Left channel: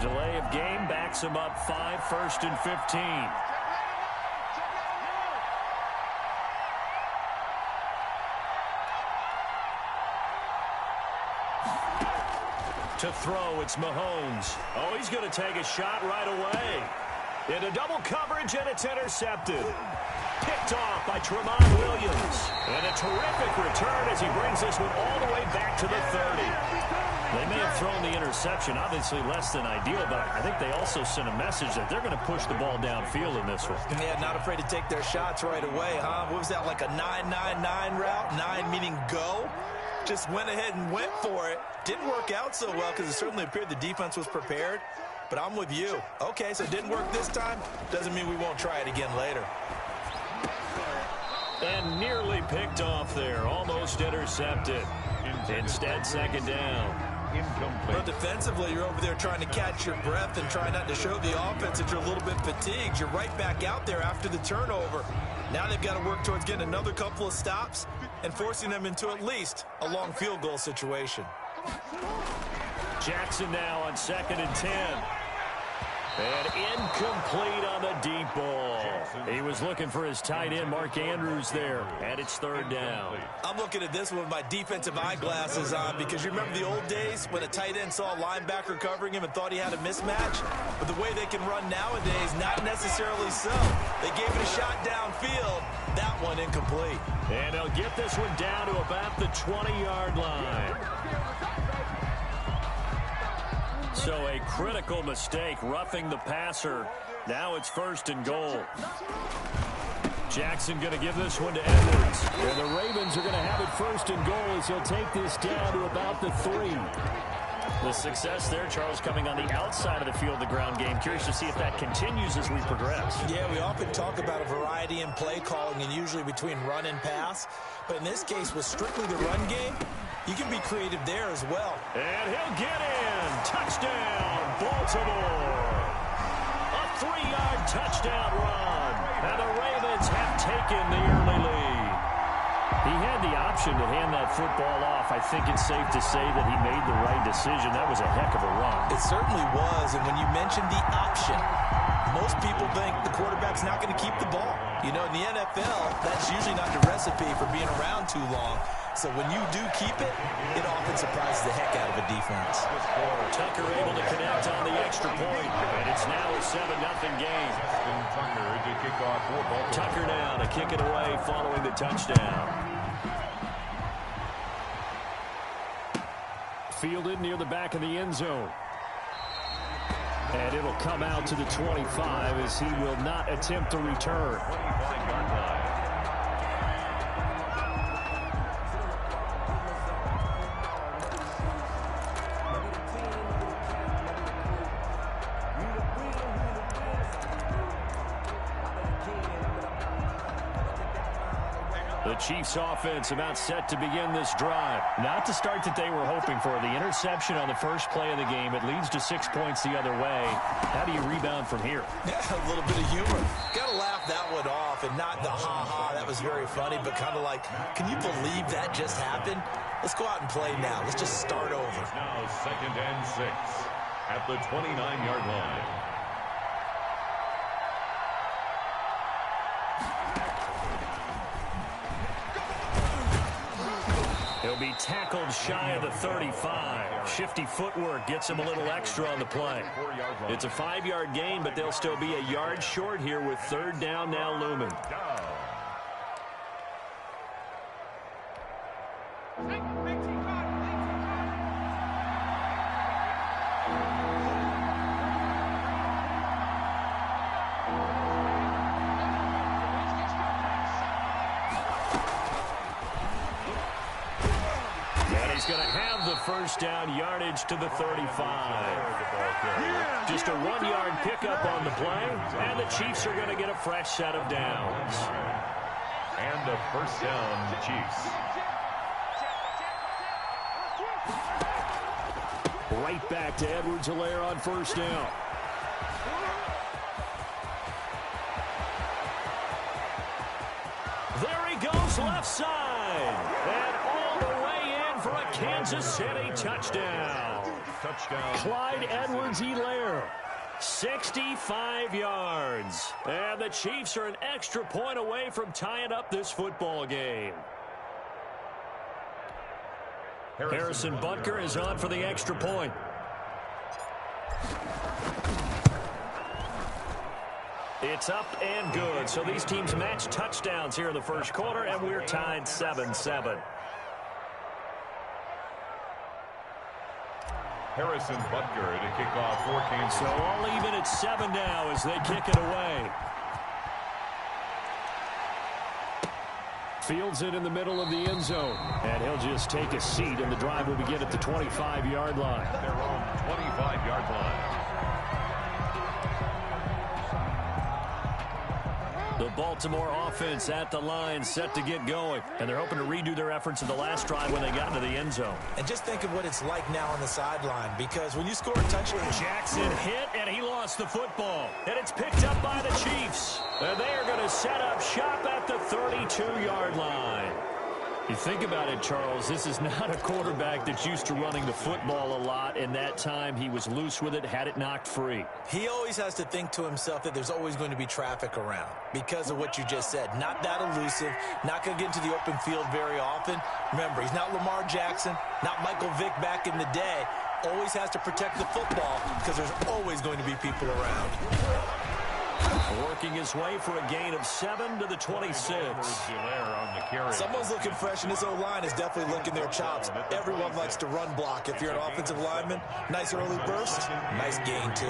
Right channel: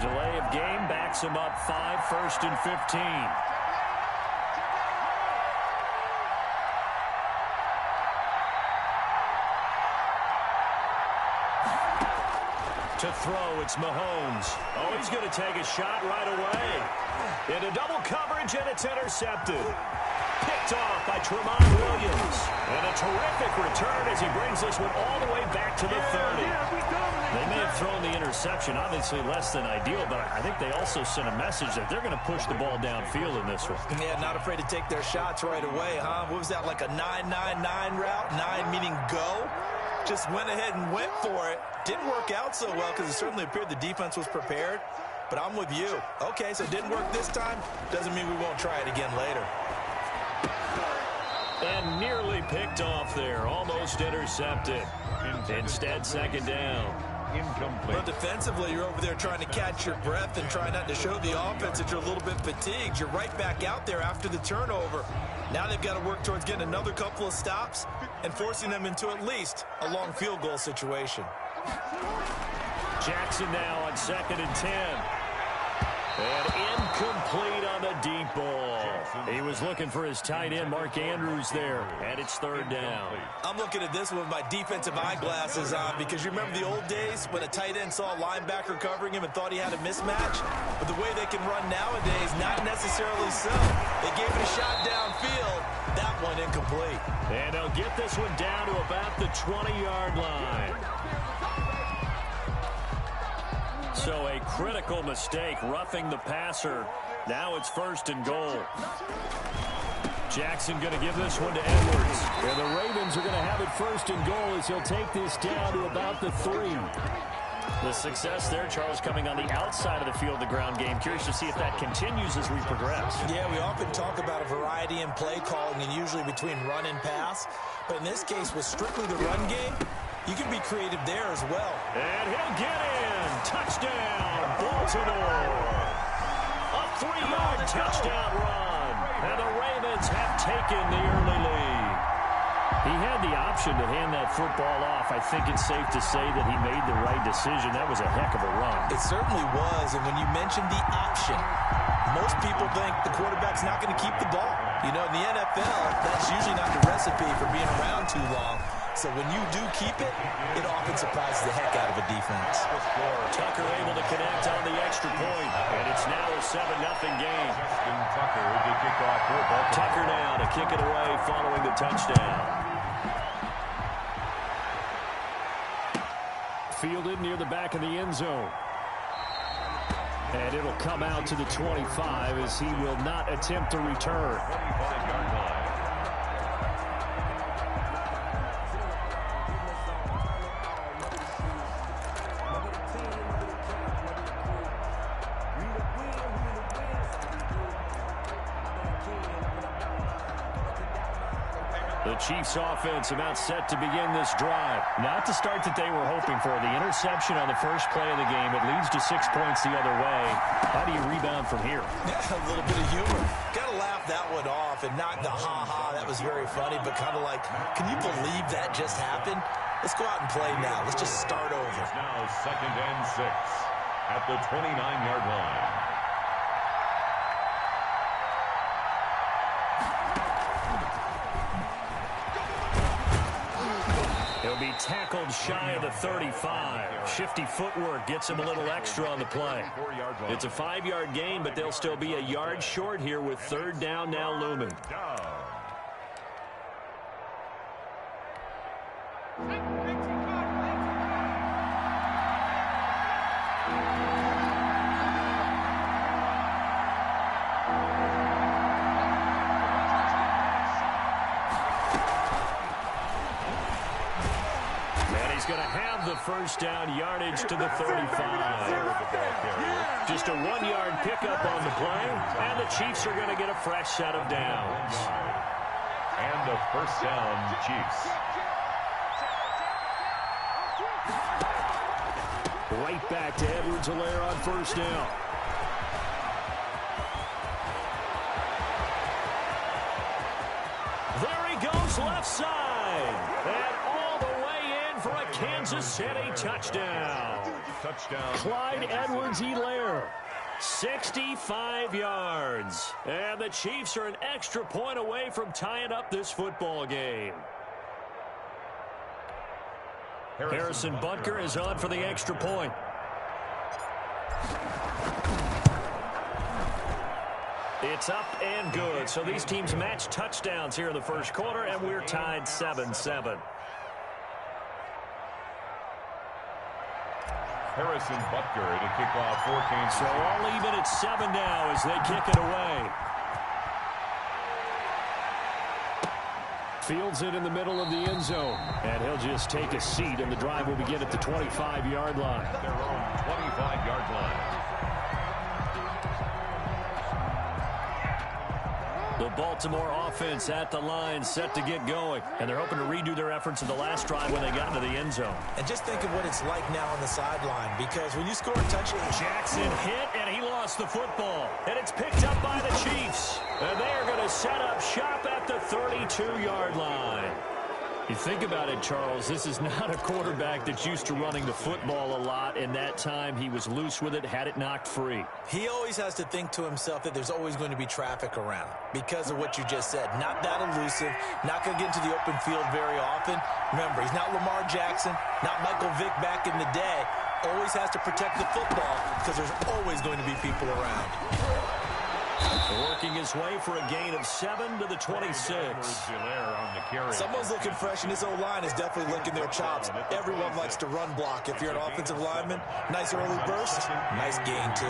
The delay of game backs him up 5, 1st and 15. To throw, it's Mahomes. Oh, he's going to take a shot right away. Into double coverage, and it's intercepted. Picked off by Tremont Williams. And a terrific return as he brings this one all the way back to the 30. They may have thrown the interception, obviously less than ideal, but I think they also sent a message that they're going to push the ball downfield in this one. Yeah, not afraid to take their shots right away, huh? What was that, like a 9-9-9 route? 9 meaning go? Just went ahead and went for it. Didn't work out so well because it certainly appeared the defense was prepared. But I'm with you. Okay, so it didn't work this time. Doesn't mean we won't try it again later. And nearly picked off there. Almost intercepted. Instead, second down. Incomplete. But defensively, you're over there trying to catch your breath and try not to show the offense that you're a little bit fatigued. You're right back out there after the turnover. Now they've got to work towards getting another couple of stops and forcing them into at least a long field goal situation. Jackson now on 2nd and 10. And incomplete on the deep ball. He was looking for his tight end, Mark Andrews, there. And it's 3rd down. I'm looking at this one with my defensive eyeglasses on because you remember the old days when a tight end saw a linebacker covering him and thought he had a mismatch? But the way they can run nowadays, not necessarily so. They gave it a shot downfield. That one incomplete. And they'll get this one down to about the 20-yard line. So a critical mistake, roughing the passer. Now it's 1st and goal. Jackson going to give this one to Edwards. And the Ravens are going to have it 1st and goal as he'll take this down to about the 3. The success there, Charles, coming on the outside of the field, the ground game. Curious to see if that continues as we progress. Yeah, we often talk about a variety in play calling and usually between run and pass. But in this case, with strictly the run game, you can be creative there as well. And he'll get in. Touchdown, Baltimore. A 3-yard touchdown run. And the Ravens have taken the early lead. He had the option to hand that football off. I think it's safe to say that he made the right decision. That was a heck of a run. It certainly was. And when you mentioned the option, most people think the quarterback's not going to keep the ball. You know, in the NFL, that's usually not the recipe for being around too long. So when you do keep it, it often surprises the heck out of a defense. Tucker able to connect on the extra point, and it's now a 7-0 game. Tucker to kick off for Baltimore. Tucker now to kick it away following the touchdown. Fielded near the back of the end zone. And it'll come out to the 25 as he will not attempt to return. 25-yard line. The Chiefs offense about set to begin this drive. Not the start that they were hoping for. The interception on the first play of the game. It leads to 6 points the other way. How do you rebound from here? Yeah, a little bit of humor. Got to laugh that one off and not the ha-ha. That was very funny, but kind of like, can you believe that just happened? Let's go out and play now. Let's just start over. It's now 2nd and 6 at the 29-yard line. He'll be tackled shy of the 35. Shifty footwork gets him a little extra on the play. It's a 5-yard gain, but they'll still be a yard short here with 3rd down now looming. He's going to have the 1st down yardage to the 35. Just a 1-yard pickup on the play, and the Chiefs are going to get a fresh set of downs. And a 1st down, the Chiefs. Right back to Edwards-Helaire on 1st down. There he goes left side. And all the way in for a Kansas City touchdown. touchdown. Clyde Edwards-Helaire, 65 yards. And the Chiefs are an extra point away from tying up this football game. Harrison Butker is on for the extra point. It's up and good. So these teams match touchdowns here in the first quarter, and we're tied 7-7. Harrison Butker to kick off for Kansas. So all even at 7 now as they kick it away. Fields it in the middle of the end zone. And he'll just take a seat, and the drive will begin at the 25-yard line. Their own 25-yard line. The Baltimore offense at the line, set to get going. And they're hoping to redo their efforts in the last drive when they got into the end zone. And just think of what it's like now on the sideline, because when you score a touchdown... Jackson hit, and he lost the football. And it's picked up by the Chiefs. And they are going to set up shop at the 32-yard line. You think about it, Charles, this is not a quarterback that's used to running the football a lot. In that time, he was loose with it, had it knocked free. He always has to think to himself that there's always going to be traffic around because of what you just said. Not that elusive, not going to get into the open field very often. Remember, he's not Lamar Jackson, not Michael Vick back in the day. Always has to protect the football because there's always going to be people around. Working his way for a gain of 7 to the 26. Someone's looking fresh, and this O-line is definitely licking their chops. Everyone likes to run block. If you're an offensive lineman, nice early burst, nice gain, too.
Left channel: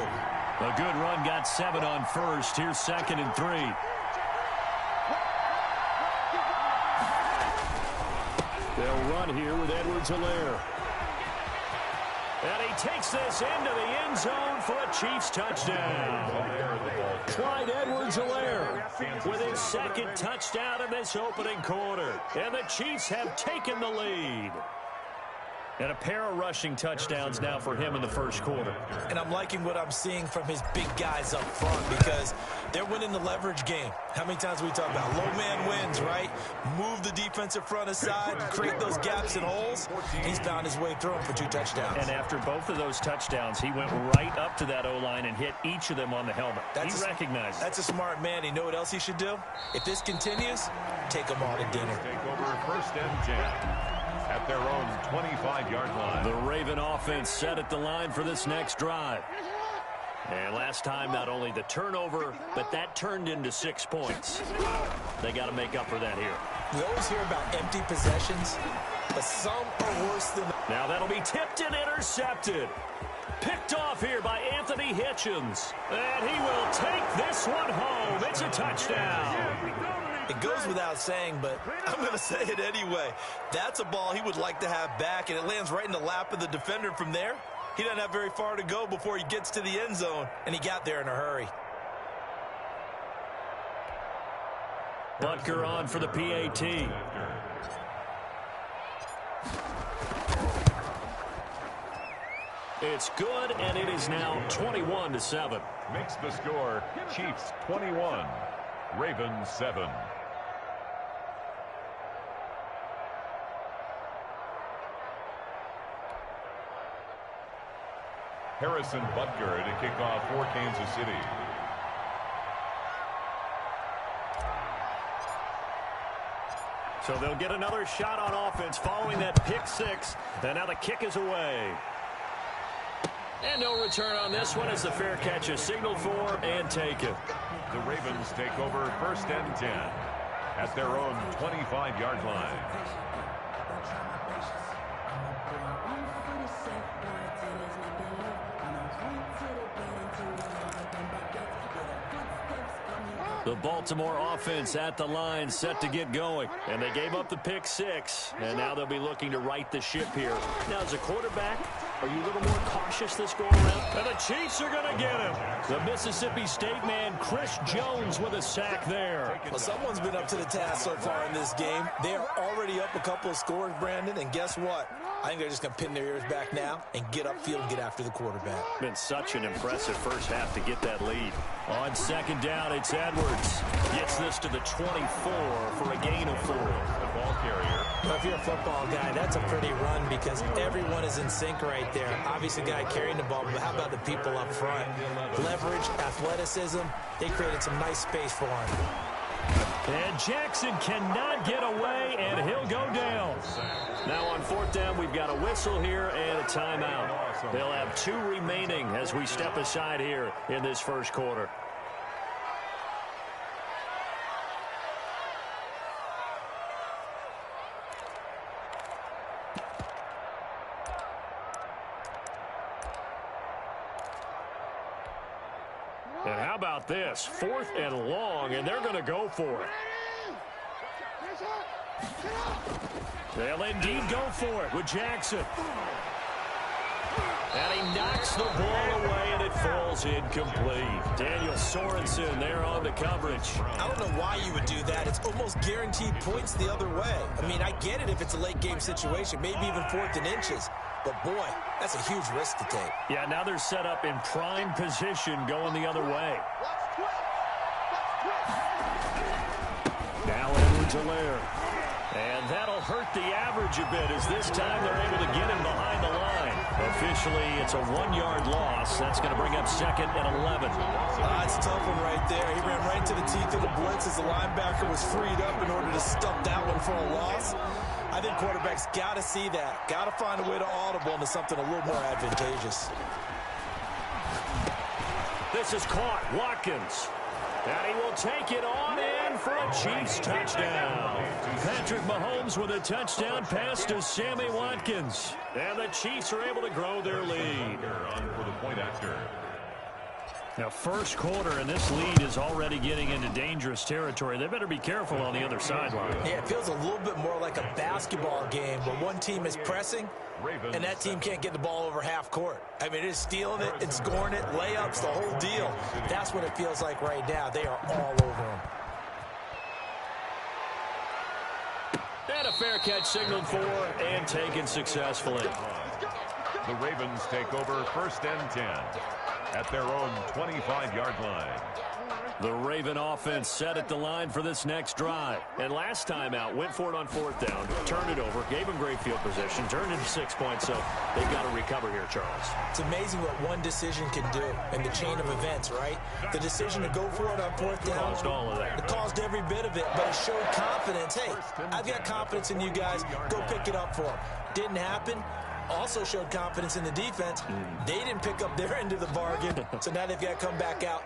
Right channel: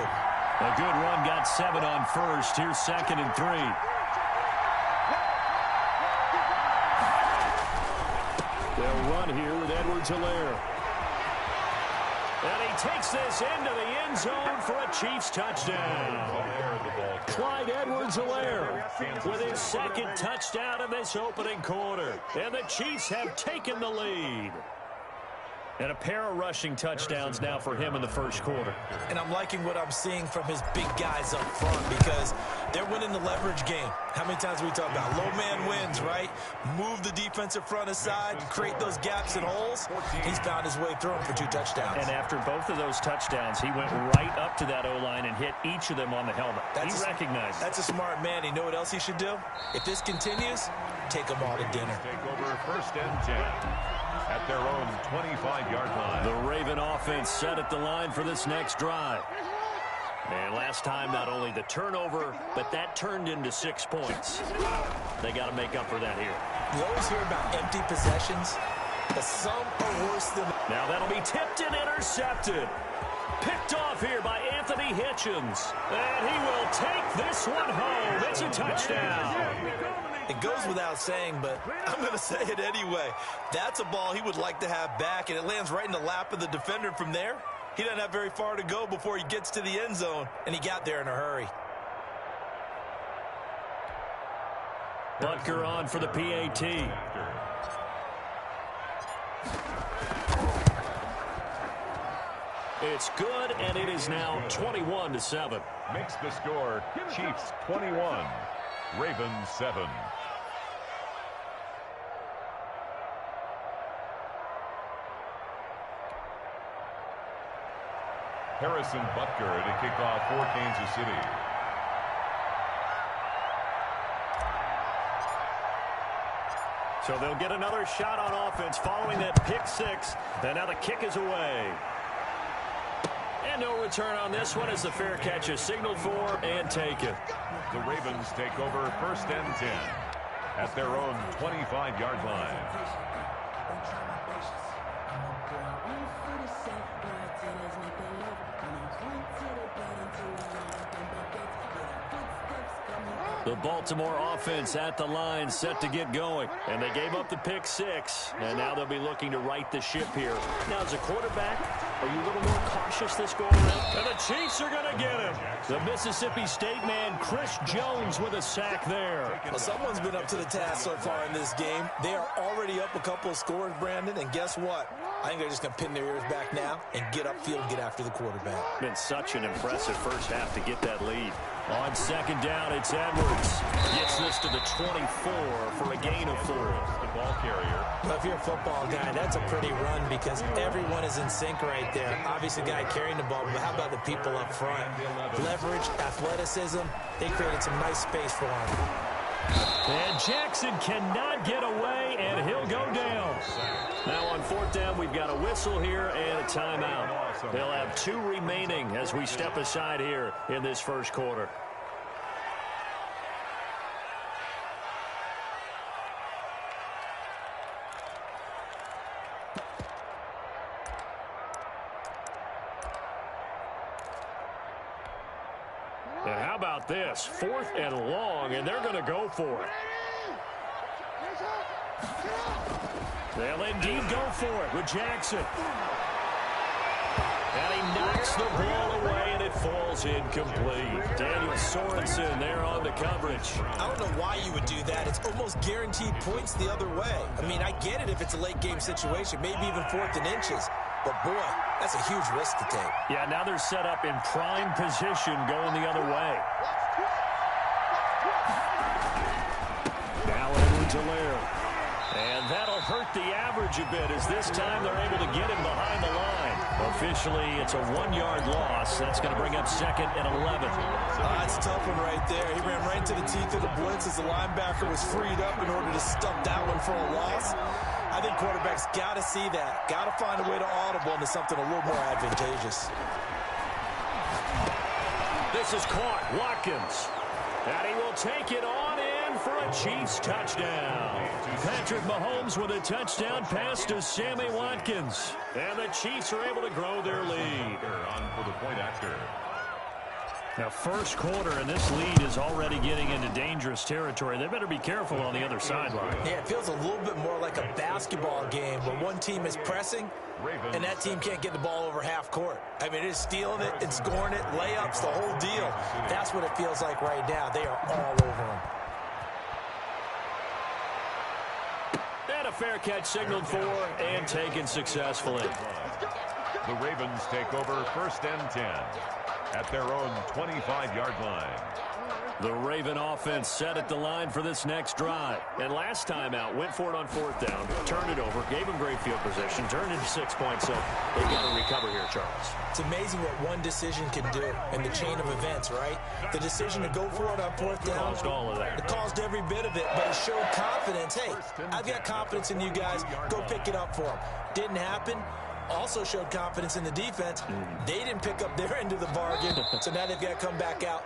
A good run, got 7 on first. Here's 2nd and 3. They'll run here with Edwards-Helaire. And he takes this into the end zone for a Chiefs touchdown. Clyde Edwards-Helaire with his 2nd touchdown of this opening quarter. And the Chiefs have taken the lead. And a pair of rushing touchdowns now for him in the first quarter. And I'm liking what I'm seeing from his big guys up front because they're winning the leverage game. How many times we talk about low man wins, right? Move the defensive front aside, create those gaps and holes. He's found his way through them for 2 touchdowns. And after both of those touchdowns, he went right up to that O-line and hit each of them on the helmet. He recognized it. That's a smart man. You know what else he should do? If this continues, take them all to dinner. Take over 1st and 10. At their own 25-yard line. The Raven offense set at the line for this next drive. And last time, not only the turnover, but that turned into 6 points. They got to make up for that here. We always hear about empty possessions, but some are worse than... Now that'll be tipped and intercepted. Picked off here by Anthony Hitchens. And he will take this one home. It's a touchdown. It goes without saying, but I'm going to say it anyway. That's a ball he would like to have back, and it lands right in the lap of the defender from there. He doesn't have very far to go before he gets to the end zone, and he got there in a hurry. Butker on for the PAT. It's good, and it is now 21-7. Makes the score Chiefs 21, Ravens 7. Harrison Butker to kick off for Kansas City. So they'll get another shot on offense following that pick 6. And now the kick is away. And no return on this one as the fair catch is signaled for and taken. The Ravens take over 1st and 10 at their own 25-yard line. The Baltimore offense at the line set to get going. And they gave up the pick 6. And now they'll be looking to right the ship here. Now, as a quarterback, are you a little more cautious this go-around? And the Chiefs are going to get him. The Mississippi State man, Chris Jones, with a sack there. Well, someone's been up to the task so far in this game. They are already up a couple of scores, Brandon. And guess what? I think they're just going to pin their ears back now and get upfield and get after the quarterback. Been such an impressive first half to get that lead. On second down, it's Edwards. Gets this to the 24 for a gain of 4. The ball carrier. Well, if you're a football guy, that's a pretty run because everyone is in sync right there. Obviously, the guy carrying the ball, but how about the people up front? Leverage, athleticism, they created some nice space for him. And Jackson cannot get away, and he'll go down. Now on fourth down, we've got a whistle here and a timeout. They'll have 2 remaining as we step aside here in this first quarter. And how about this? 4th and long, and they're going to go for it. They'll indeed go for it with Jackson. And he knocks the ball away, and it falls incomplete. Daniel Sorensen there on the coverage. I don't know why you would do that. It's almost guaranteed points the other way. I mean, I get it if it's a late-game situation, maybe even 4th and inches. But, boy, that's a huge risk to take. Yeah, now they're set up in prime position going the other way. Now Edwards-Helaire. And that'll hurt the average a bit as this time they're able to get him behind the line. Officially, it's a 1-yard loss. That's going to bring up 2nd and 11. That's a tough one right there. He ran right into the teeth of the blitz as the linebacker was freed up in order to stump that one for a loss. I think quarterbacks got to see that. Got to find a way to audible into something a little more advantageous. This is caught. Watkins. And he will take it on in for a Chiefs touchdown. Patrick Mahomes with a touchdown pass to Sammy Watkins. And the Chiefs are able to grow their lead. On for the point after. Now, first quarter, and this lead is already getting into dangerous territory. They better be careful on the other sideline. Yeah, it feels a little bit more like a basketball game where one team is pressing and that team can't get the ball over half court. I mean, it's stealing it, it's scoring it, layups, the whole deal. That's what it feels like right now. They are all over them. And a fair catch signaled for and taken successfully. The Ravens take over 1st and 10 at their own 25-yard line. The Raven offense set at the line for this next drive. And last time out, went for it on 4th down, turned it over, gave them great field position, turned into 6 points, so they've got to recover here, Charles. It's amazing what one decision can do in the chain of events, right? The decision to go for it on 4th down. Caused all of that. It caused every bit of it, but it showed confidence. Hey, I've got confidence in you guys. Go pick it up for them. Didn't happen. Also showed confidence in the defense. They didn't pick up their end of the bargain, so now they've got to come back out.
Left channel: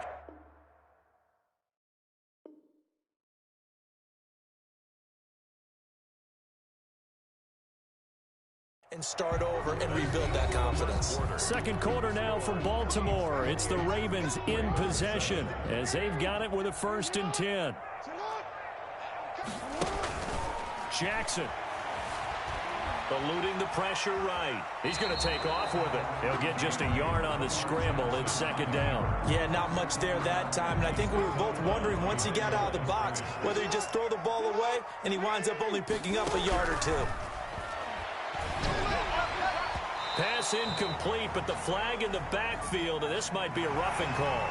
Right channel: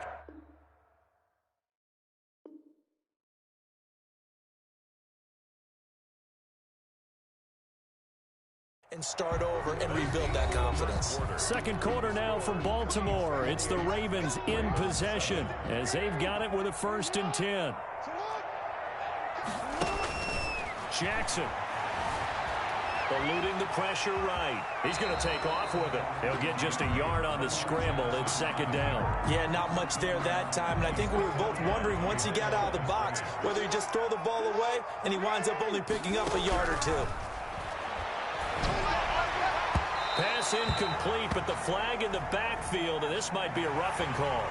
And start over and rebuild that confidence. Second quarter now from Baltimore. It's the Ravens in possession as they've got it with a 1st and 10. Jackson. Eluding the pressure right. He's going to take off with it. He'll get just a yard on the scramble. It's 2nd down. Yeah, not much there that time. And I think we were both wondering once he got out of the box whether he just throw the ball away and he winds up only picking up a yard or 2. Pass incomplete, but the flag in the backfield, and this might be a roughing call.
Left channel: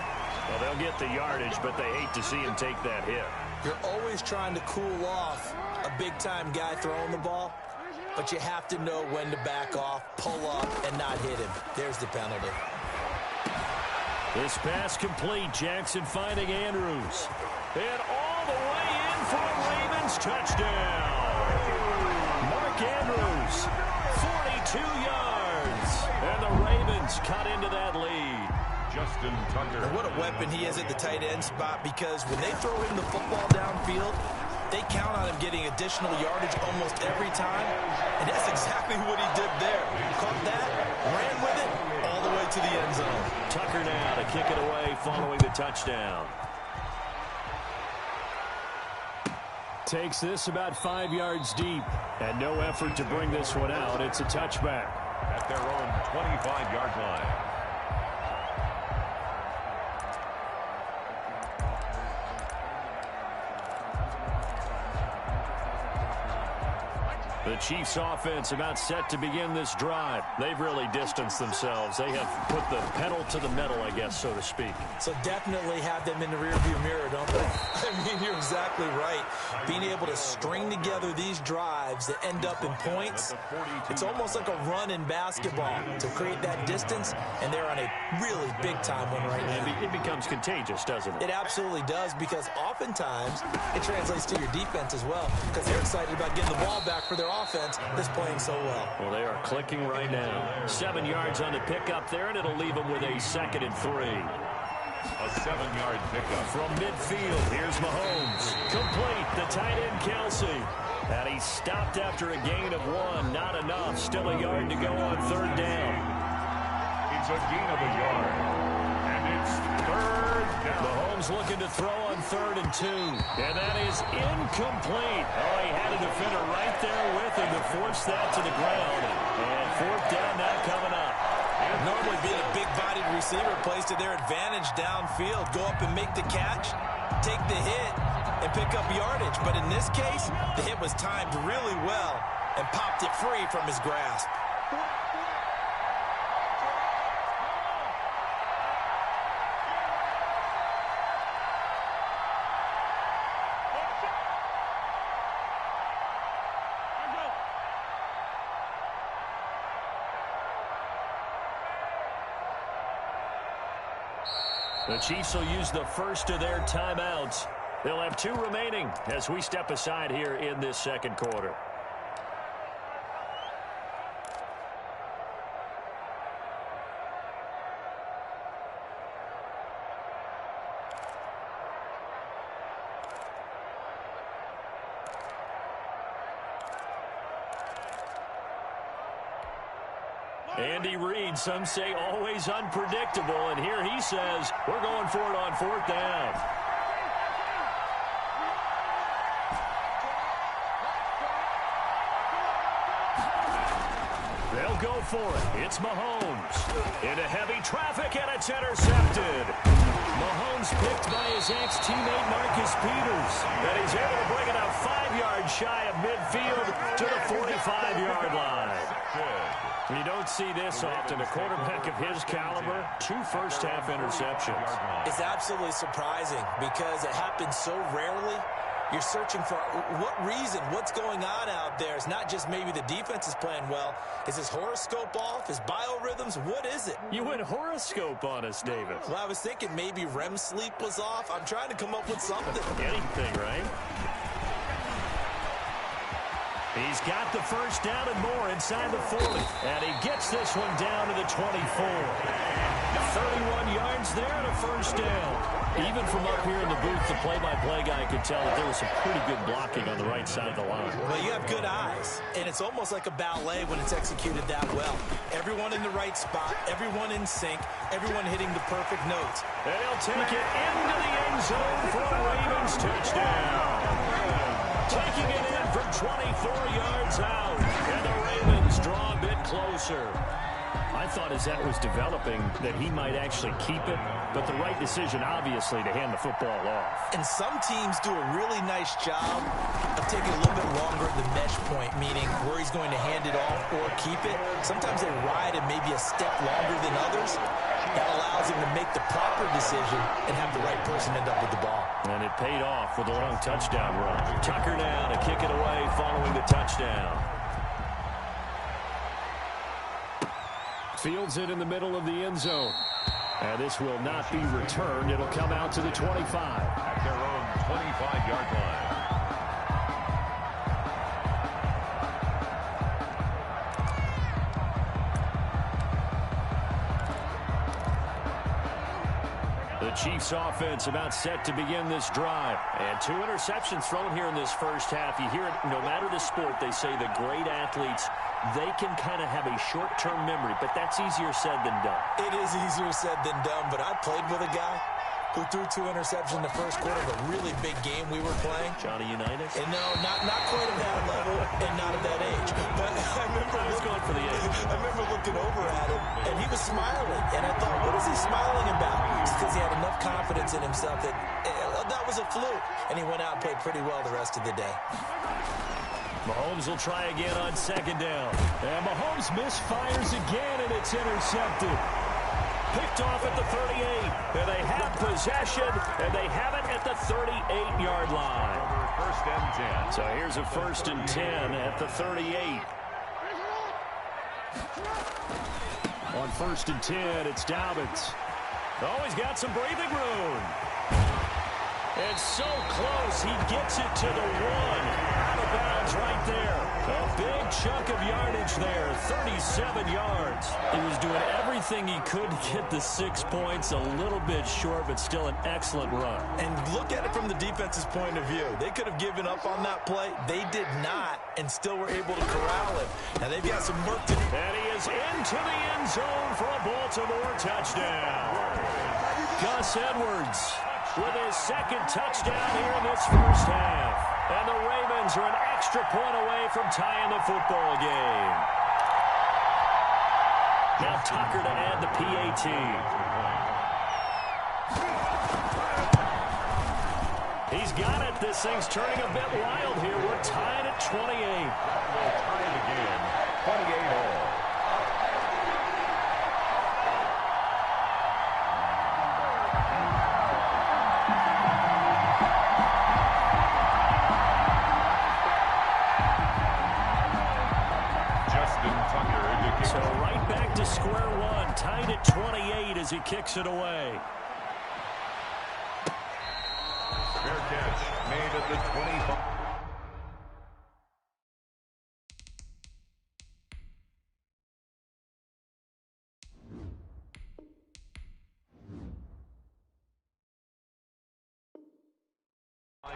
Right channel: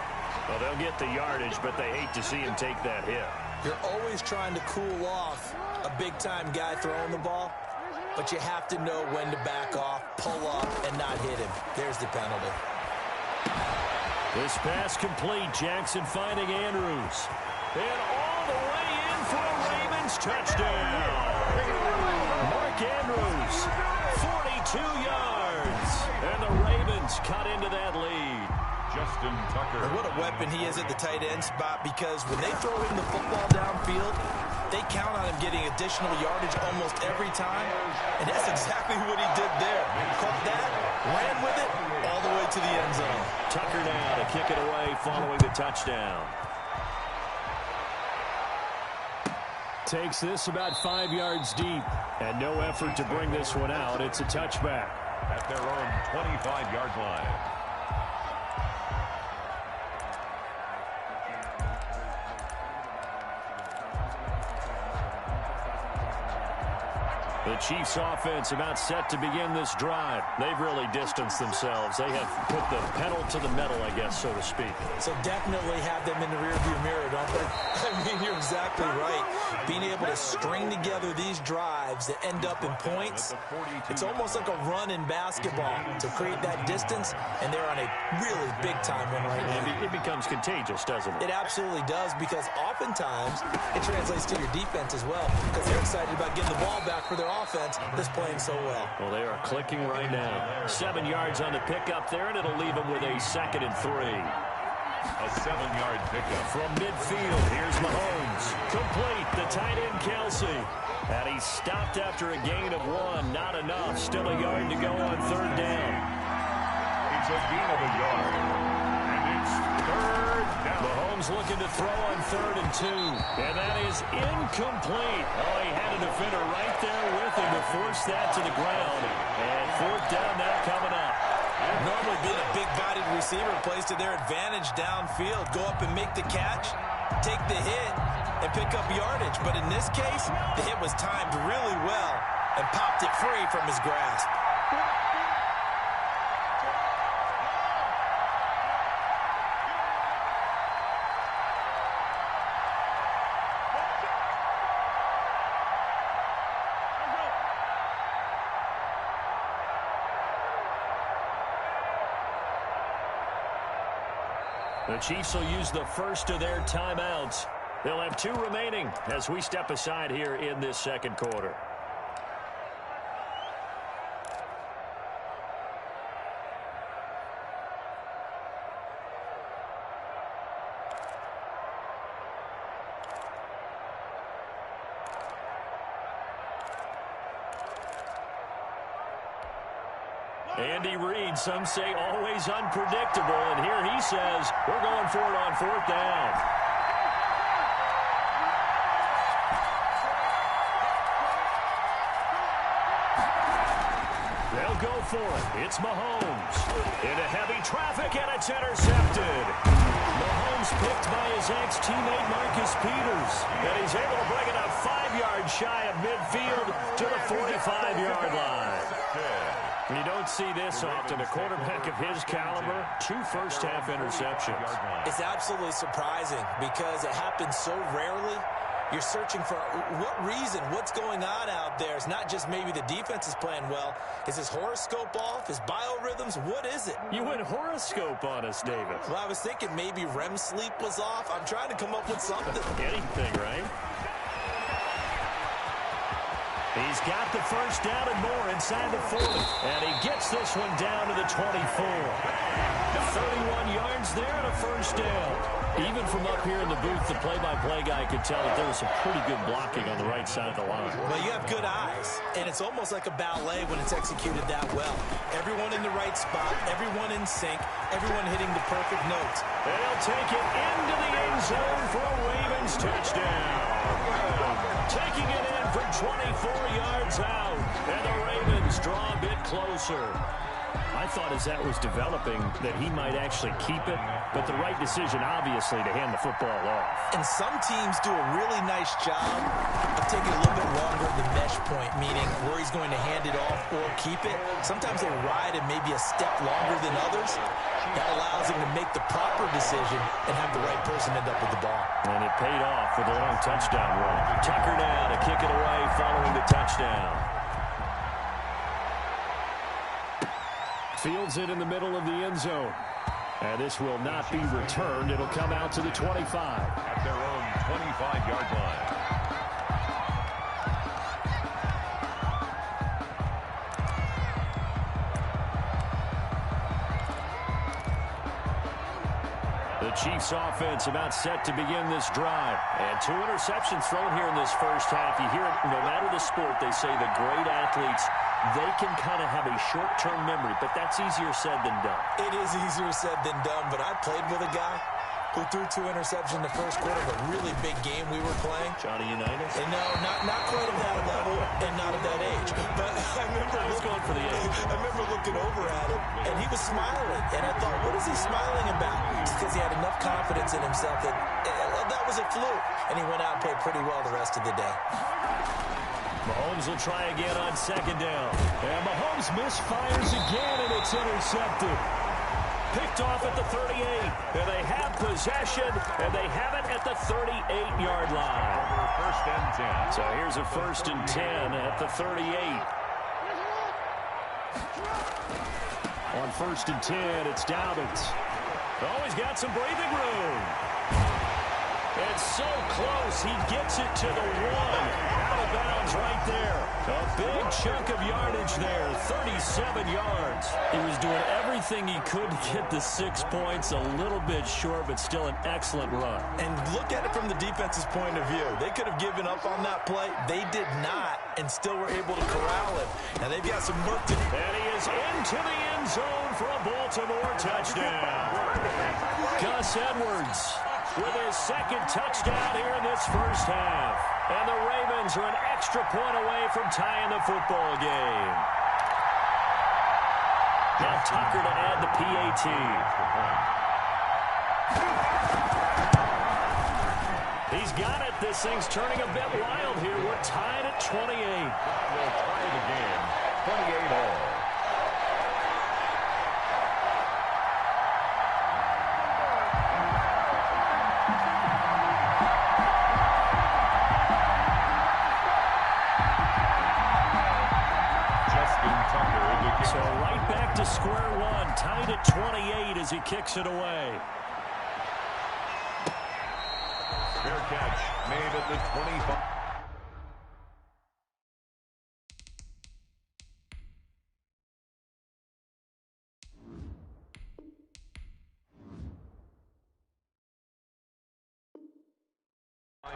Well, they'll get the yardage, but they hate to see him take that hit. You're always trying to cool off a big-time guy throwing the ball, but you have to know when to back off, pull up, and not hit him. There's the penalty. This pass complete. Jackson finding Andrews. And all the way in for a Ravens touchdown. Mark Andrews, 42 yards. And the Ravens cut into that lead. Justin Tucker. And what a weapon he is at the tight end spot, because when they throw him the football downfield, they count on him getting additional yardage almost every time. And that's exactly what he did there. Caught that, ran with it, all the way to the end zone. Tucker now to kick it away following the touchdown. Takes this about 5 yards deep. And no effort to bring this one out. It's a touchback. At their own 25-yard line. The Chiefs offense about set to begin this drive. They've really distanced themselves. They have put the pedal to the metal, I guess, so to speak. So definitely have them in the rearview mirror, don't they? I mean, you're exactly right. Being able to string together these drives that end up in points, it's almost like a run in basketball to create that distance, and they're on a really big-time one right now. It becomes contagious, doesn't it? It absolutely does, because oftentimes it translates to your defense as well, because they're excited about getting the ball back for their offense that's playing so well. Well, they are clicking right now. 7 yards on the pickup there, and it'll leave them with a 2nd and 3. A 7-yard pickup. From midfield, here's Mahomes. Complete, the tight end Kelsey. And he stopped after a gain of 1. Not enough. Still a yard to go on 3rd down. It's a gain of a yard. And it's 3rd down. Mahomes looking to throw on 3rd and 2. And that is incomplete. Oh, he had a defender right there with him to force that to the ground. And 4th down now coming up. Normally being a big-bodied receiver plays to their advantage downfield. Go up and make the catch, take the hit, and pick up yardage. But in this case, the hit was timed really well and popped it free from his grasp. The Chiefs will use the first of their timeouts. They'll have 2 remaining as we step aside here in this 2nd quarter. Andy Reid, some say always unpredictable, and here he says we're going for it on 4th down. They'll go for it. It's Mahomes. Into heavy traffic, and it's intercepted. Mahomes picked by his ex-teammate Marcus Peters, and he's able to bring it up 5 yards shy of midfield to the 45-yard line. You don't see this often. A quarterback of his caliber, 2 first-half interceptions. It's absolutely surprising because it happens so rarely. You're searching for what reason, what's going on out there. It's not just maybe the defense is playing well. Is his horoscope off? His biorhythms? What is it? You went horoscope on us, David. Well, I was thinking maybe REM sleep was off. I'm trying to come up with something. Anything, right? He's got the first down and more inside the 40. And he gets this one down to the 24. 31 yards there and a first down. Even from up here in the booth, the play-by-play guy could tell that there was some pretty good blocking on the right side of the line. Well, you have good eyes, and it's almost like a ballet when it's executed that well. Everyone in the right spot, everyone in sync, everyone hitting the perfect notes. And he'll take it into the end zone for a Ravens touchdown. Taking it in from 24 yards out, and the Ravens draw a bit closer. I thought as that was developing that he might actually keep it, but the right decision, obviously, to hand the football off. And some teams do a really nice job of taking a little bit longer at the mesh point, meaning where he's going to hand it off or keep it. Sometimes they ride it maybe a step longer than others. That allows him to make the proper decision and have the right person end up with the ball. And it paid off with a long touchdown run. Tucker now to kick it away following the touchdown. Fields it in the middle of the end zone. And this will not be returned. It'll come out to the 25. At their own 25-yard line. The Chiefs offense about set to begin this drive. And 2 interceptions thrown here in this first half. You hear it, no matter the sport, they say the great athletes, they can kind of have a short-term memory, but that's easier said than done. It is easier said than done, but I played with a guy who threw 2 interceptions in the first quarter of a really big game we were playing. Johnny Unitas? And no, not quite at that level and not at that age. But I was going for the age. I remember looking over at him, and he was smiling. And I thought, what is he smiling about? It's because he had enough confidence in himself that that was a fluke. And he went out and played pretty well the rest of the day. Mahomes will try again on second down. And Mahomes misfires again, and it's intercepted. Picked off at the 38. And they have possession, and they have it at the 38-yard line. First and 10. So here's a 1st and 10 at the 38. On 1st and 10, it's Dobbins. Oh, he's got some breathing room. And so close, he gets it to the 1. Out of bounds right there. A big chunk of yardage there, 37 yards. He was doing everything he could to get the 6 points, a little bit short, but still an excellent run. And look at it from the defense's point of view. They could have given up on that play. They did not, and still were able to corral him. Now they've got some work to do. And he is into the end zone for a Baltimore touchdown. Gus Edwards with his 2nd touchdown here in this first half. And the Ravens are an extra point away from tying the football game. Now Tucker to add the PAT. He's got it. This thing's turning a bit wild here. We're tied at 28. That will tie the game, 28 all. So right back to square one, tied at 28 as he kicks it away. Fair catch made at the 25.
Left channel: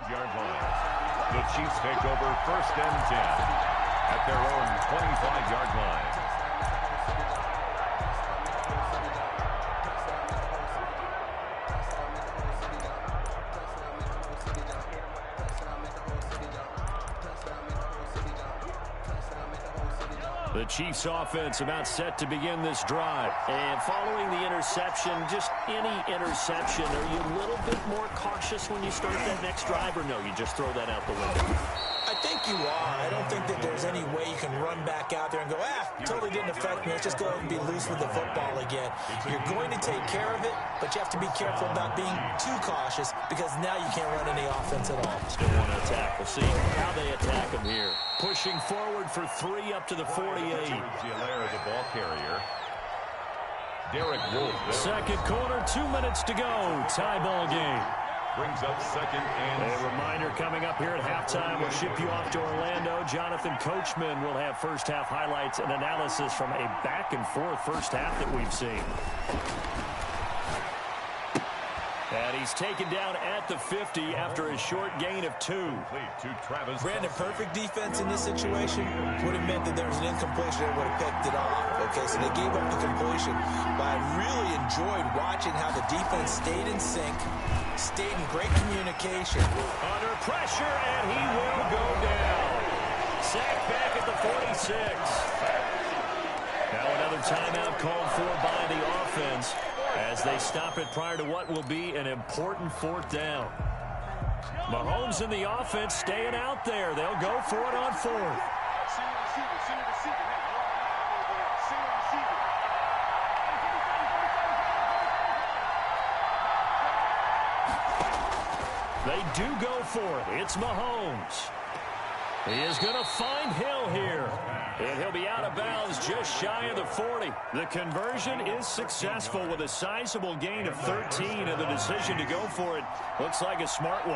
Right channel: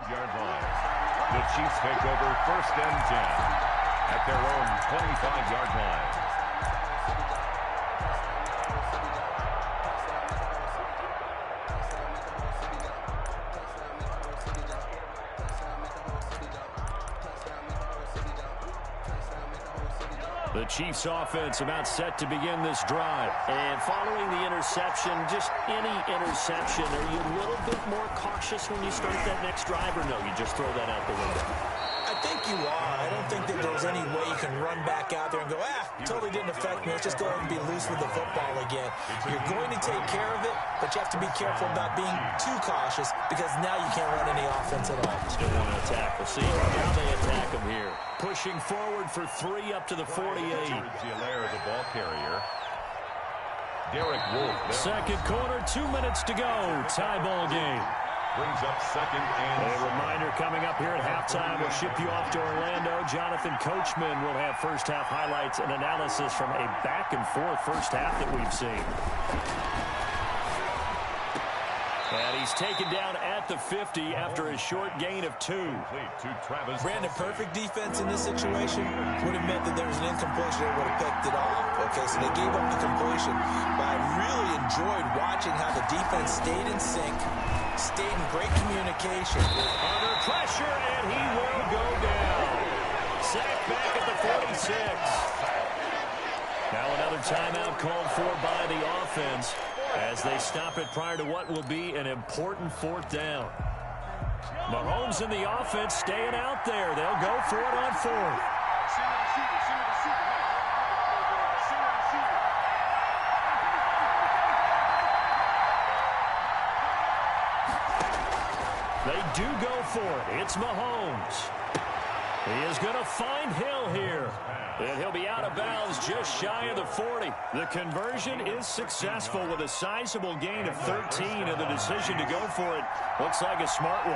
Yard line. The Chiefs take over 1st and 10 at their own 25-yard line. The Chiefs offense about set to begin this drive. And following the interception, just any interception, are you a little bit more cautious when you start that next drive, or no, you just throw that out the window? I think you are. I don't think that there's any way you can run back out there and go, totally didn't affect me. Let's just go ahead and be loose with the football again. You're going to take care of it, but you have to be careful about being too cautious because now you can't run any offense at all. Still want to attack. We'll see how they attack him here. Pushing forward for 3 up to the 48. Gilaire, the ball carrier. Derek Wolfe. Second quarter, 2 minutes to go. Tie ball game. Brings up 2nd and a reminder coming up here at halftime. We'll ship you off to Orlando. Jonathan Coachman will have first half highlights and analysis from a back-and-forth first half that we've seen. And he's taken down at the 50 after a short gain of 2. Brandon, perfect defense in this situation would have meant that there was an incompletion. They would have picked it off. Okay, so they gave up the completion. But I really enjoyed watching how the defense stayed in sync, stayed in great communication. Under pressure, and he will go down. Sacked back at the 46. Now another timeout called for by the offense as they stop it prior to what will be an important 4th down. Mahomes and the offense staying out there. They'll go for it on 4th. They do go for it. It's Mahomes. He is going to find Hill here. And he'll be out of bounds just shy of the 40. The conversion is successful with a sizable gain of 13, and the decision to go for it looks like a smart one.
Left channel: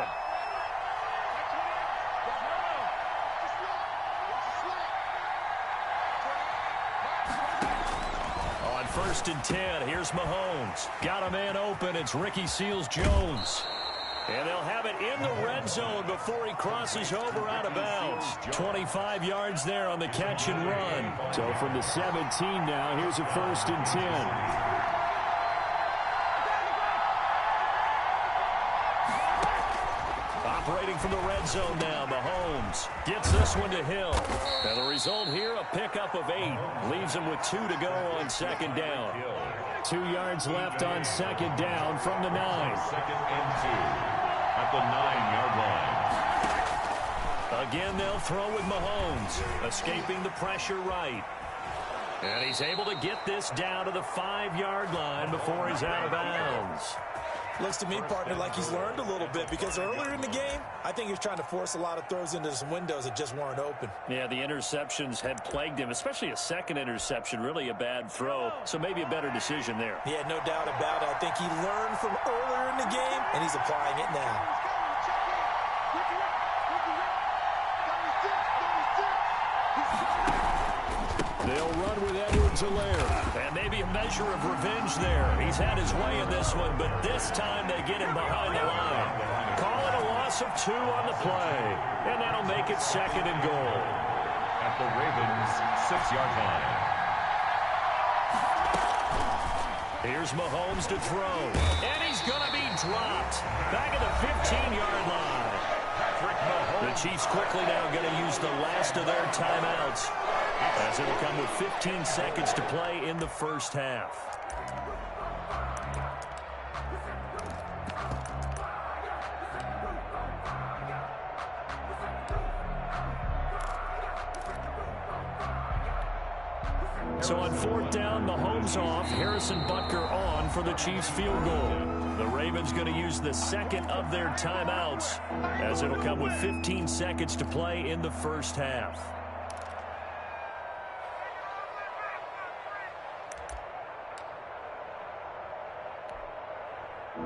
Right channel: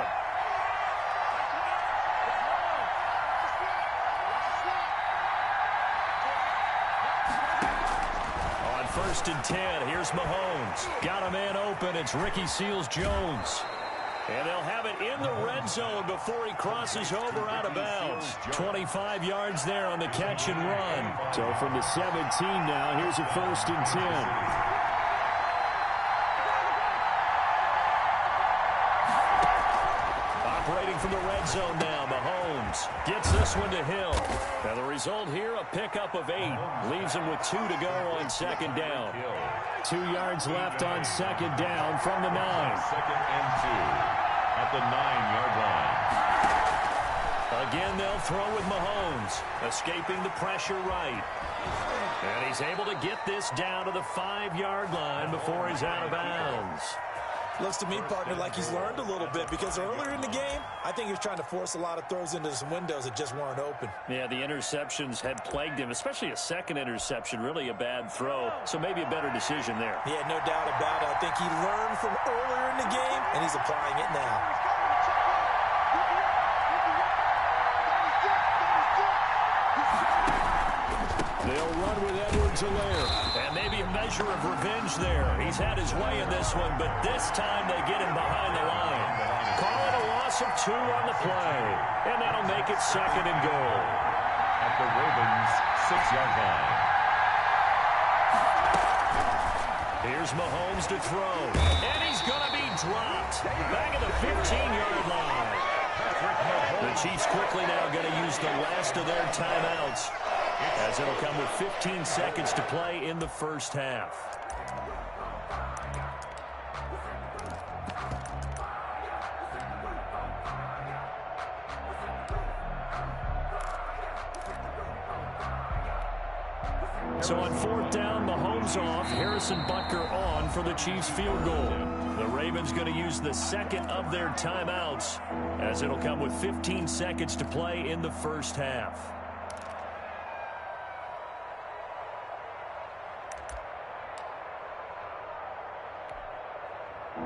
On 1st and 10, here's Mahomes. Got a man open. It's Ricky Seals-Jones. And they'll have it in the red zone before he crosses over out of bounds. 25 yards there on the catch and run. So from the 17 now, here's a 1st and 10. Operating from the red zone now, Mahomes gets this one to Hill. And the result here, a pickup of 8. Leaves him with 2 to go on 2nd down. 2 yards left on 2nd down from the 9. 2nd and 2 at the 9-yard line. Again, they'll throw with Mahomes, escaping the pressure right. And he's able to get this down to the 5-yard line before he's out of bounds. Looks to me, partner, like he's learned a little bit, because earlier in the game, I think he was trying to force a lot of throws into some windows that just weren't open. Yeah, the interceptions had plagued him, especially a second interception, really a bad throw. So maybe a better decision there. Yeah, no doubt about it. I think he learned from earlier in the game, and he's applying it now. They'll run with Edwards-Helaire. And maybe a measure of revenge there. He's had his way in this one, but this time they get him behind the line. Call it a loss of 2 on the play. And that'll make it 2nd and goal. At the Ravens' 6-yard line. Here's Mahomes to throw. And he's going to be dropped. Back at the 15-yard line. The Chiefs quickly now going to use the last of their timeouts, as it'll come with 15 seconds to play in the first half. So on 4th down, Mahomes off, Harrison Butker on for the Chiefs field goal. The Ravens going to use the second of their timeouts, as it'll come with 15 seconds to play in the first half.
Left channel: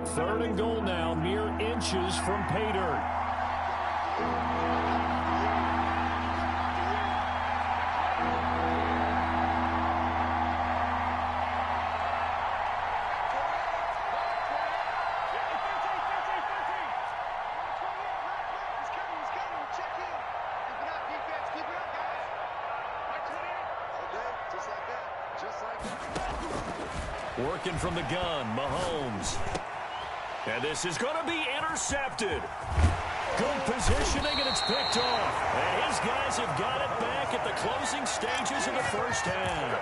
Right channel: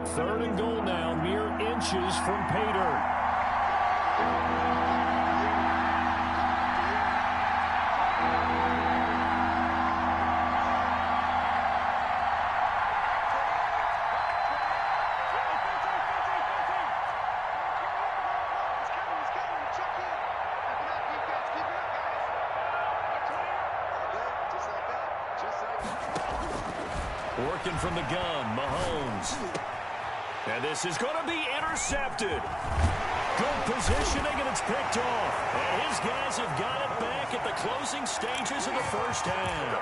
Third and goal now, mere inches from pay dirt. Working from the gun, Mahomes. And this is going to be intercepted. Good positioning, and it's picked off. And his guys have got it back at the closing stages of the first half.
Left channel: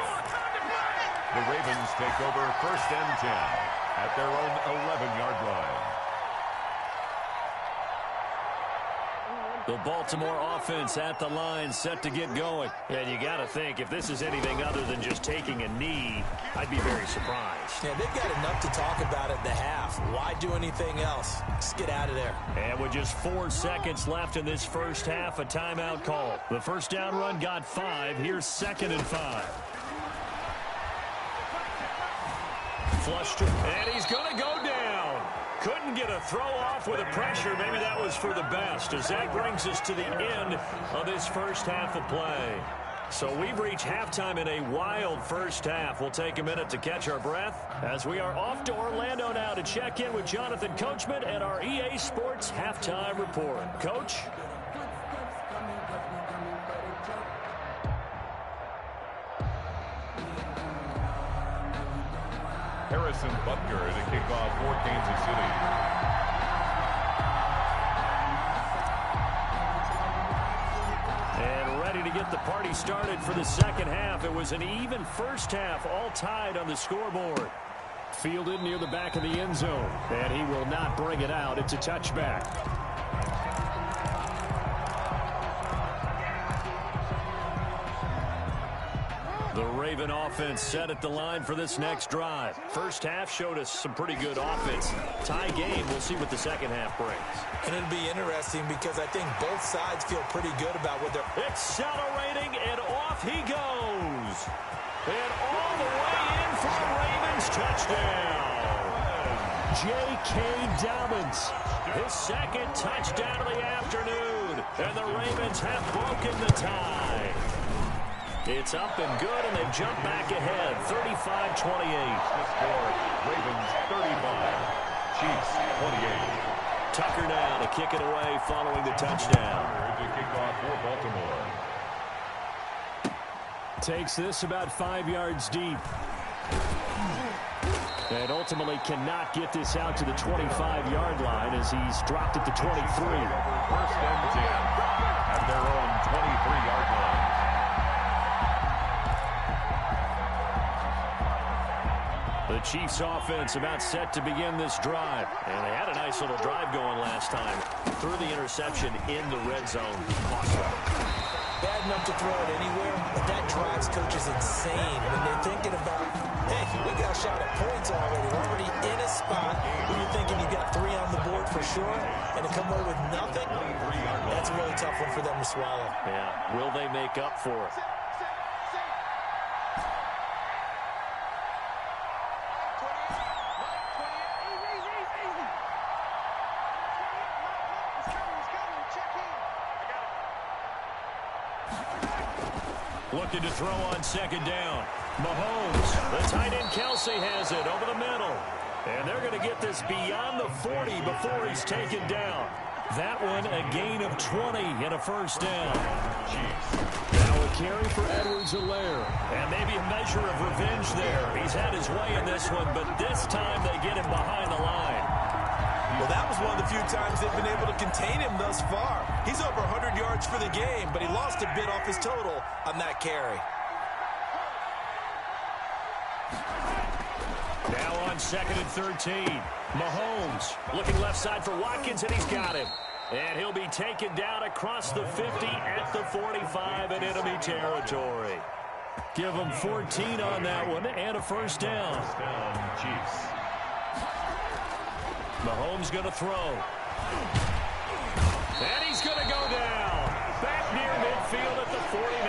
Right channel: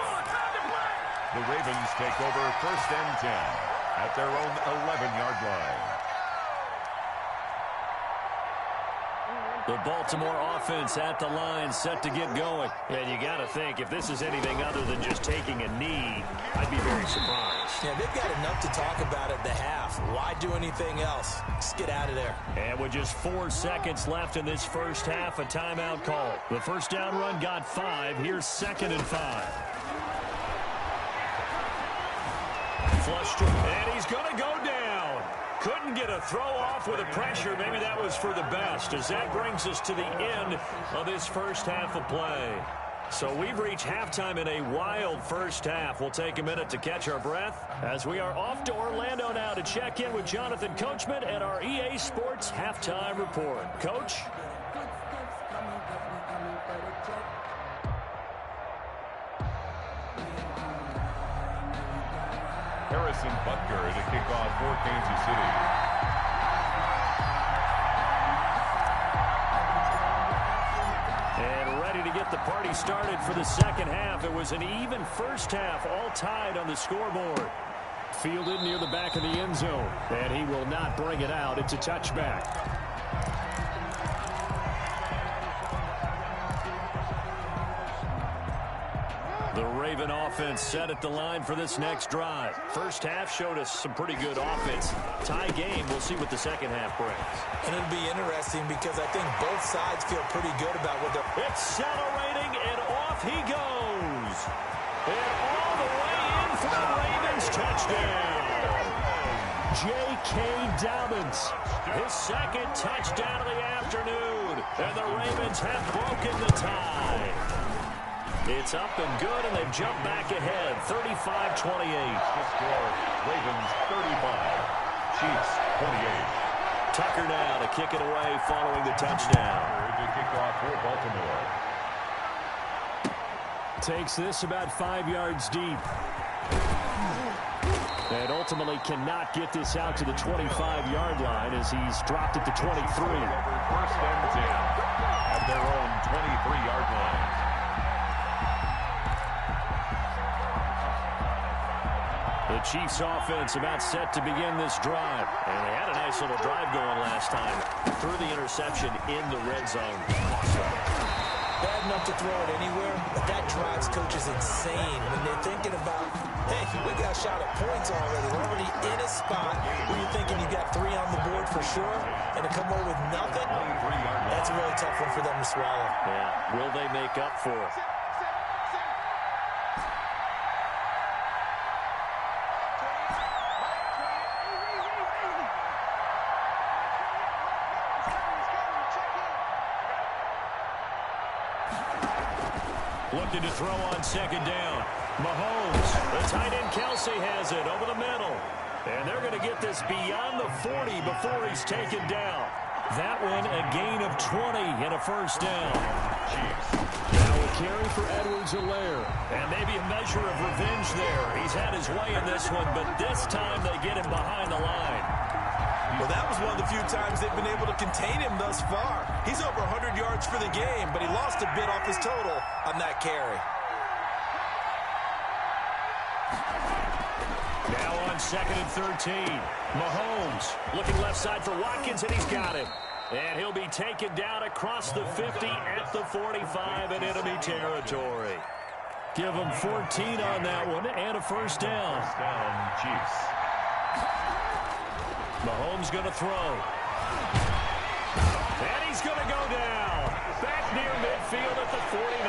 The Ravens take over 1st and 10 at their own 11-yard line. The Baltimore offense at the line, set to get going. And you got to think, if this is anything other than just taking a knee, I'd be very surprised. Yeah, they've got enough to talk about at the half. Why do anything else? Just get out of there. And with just 4 seconds left in this first half, a timeout call. The first down run got 5. Here's 2nd and 5. Flushed, and he's going to go down. Couldn't get a throw off with the pressure. Maybe that was for the best, as that brings us to the end of this first half of play. So we've reached halftime in a wild first half. We'll take a minute to catch our breath as we are off to Orlando now to check in with Jonathan Coachman at our EA Sports Halftime Report. Coach? Harrison Butker to kick off for Kansas City. And ready to get the party started for the second half. It was an even first half, all tied on the scoreboard. Fielded near the back of the end zone, and he will not bring it out. It's a touchback. The Raven offense set at the line for this next drive. First half showed us some pretty good offense. Tie game, we'll see what the second half brings. And it'll be interesting because I think both sides feel pretty good about what they're... Accelerating, and off he goes. And all the way in for a Ravens touchdown. J.K. Dobbins, his second touchdown of the afternoon. And the Ravens have broken the tie. It's up and good, and they've jumped back ahead, 35-28. The score, Ravens 35, Chiefs 28. Tucker now to kick it away following the touchdown. To kick off for Baltimore. Takes this about 5 yards deep. And ultimately cannot get this out to the 25-yard line as he's dropped at the 23. 1st and 10 at their own 23-yard line. The Chiefs offense about set to begin this drive. And they had a nice little drive going last time. Threw the interception in the red zone. Awesome. Bad enough to throw it anywhere, but that drives coaches insane when they're thinking about, hey, we got a shot at points already. We're already in a spot where you're thinking you got 3 on the board for sure, and to come away with nothing, that's a really tough one for them to swallow. Yeah, will they make up for it? Looking to throw on second down. Mahomes, the tight end Kelsey has it over the middle. And they're going to get this beyond the 40 before he's taken down. That one a gain of 20 and a first down. Now a carry for Edwards-Helaire. And maybe a measure of revenge there. He's had his way in this one, but this time they get him behind the line. Well, that was one of the few times they've been able to contain him thus far. He's over 100 yards for the game, but he lost a bit off his total on that carry. Now on second and 13. Mahomes looking left side for Watkins, and he's got him. And he'll be taken down across the 50 at the 45 in enemy territory. Give him 14 on that one and a first down. First down, Chiefs. Mahomes going to throw. And he's going to go down. Back near midfield at the 49.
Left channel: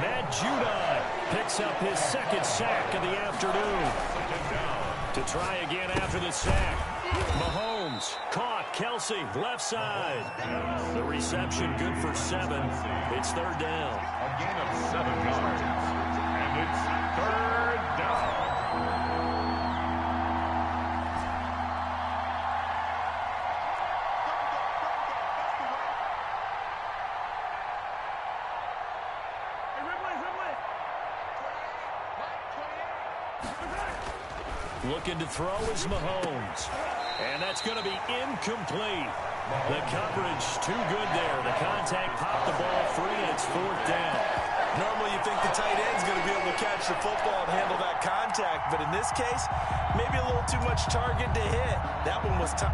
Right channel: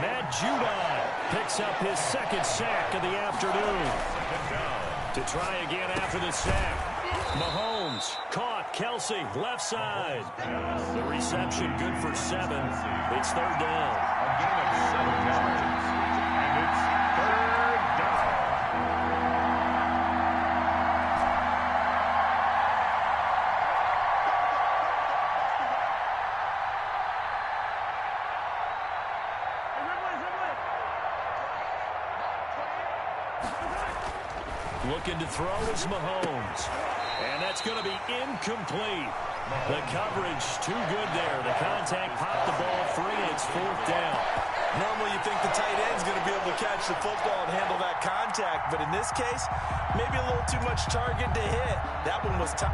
Matt Judon picks up his second sack of the afternoon. To try again after the sack. Mahomes caught. Kelsey left side. The reception good for 7. It's third down. A gain of 7 yards. And it's third down. Looking to throw is Mahomes. And that's going to be incomplete. The coverage too good there. The contact popped the ball free, and it's fourth down. Normally you think the tight end's going to be able to catch the football and handle that contact, but in this case, maybe a little too much target to hit. That one was tough.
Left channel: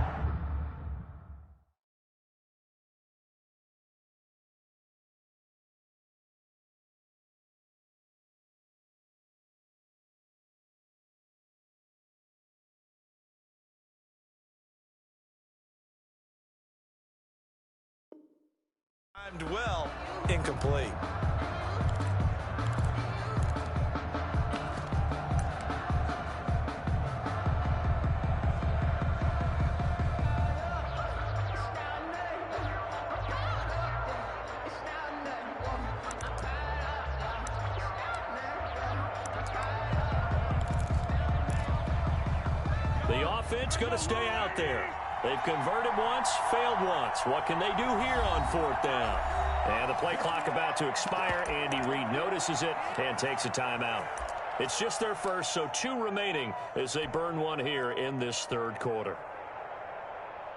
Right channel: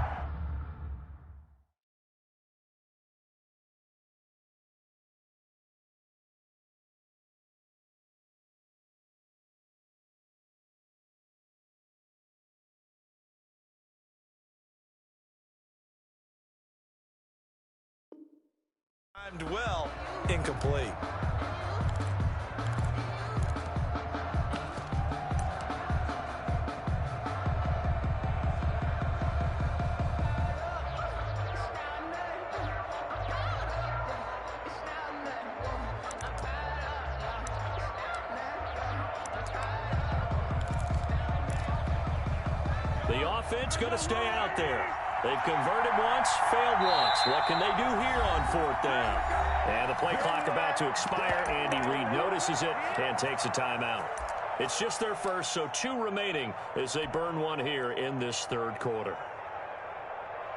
Timed well, incomplete. The offense going to stay out there. They've converted once, failed once. What can they do here on fourth down? And the play clock about to expire. Andy Reid notices it and takes a timeout. It's just their first, so 2 remaining as they burn one here in this third quarter.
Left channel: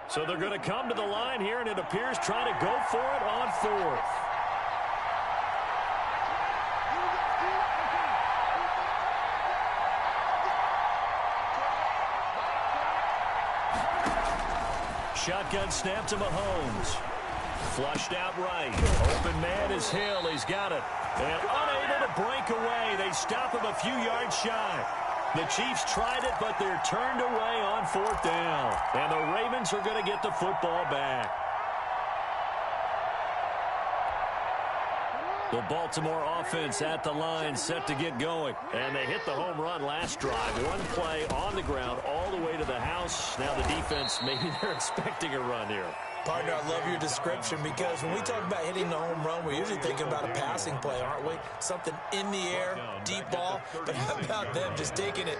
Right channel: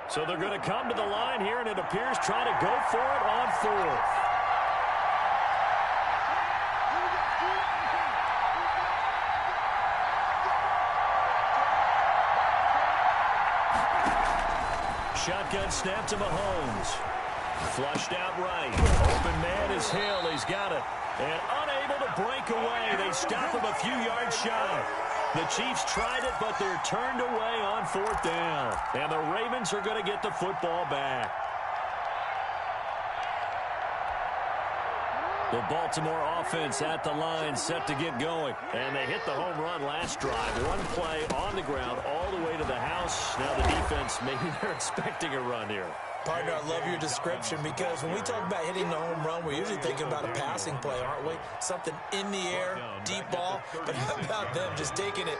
So they're going to come to the line here, and it appears trying to go for it on fourth. Shotgun snap to Mahomes. Flushed out right. Open man is Hill. He's got it. And unable to break away. They stop him a few yards shy. The Chiefs tried it, but they're turned away on fourth down. And the Ravens are going to get the football back. The Baltimore offense at the line, set to get going. And they hit the home run last drive. One play on the ground all the way to the house. Now the defense, maybe they're expecting a run here. Partner, I love your description because when we talk about hitting the home run, we're usually thinking about a passing play, aren't we? Something in the air, deep ball. But how about them just taking it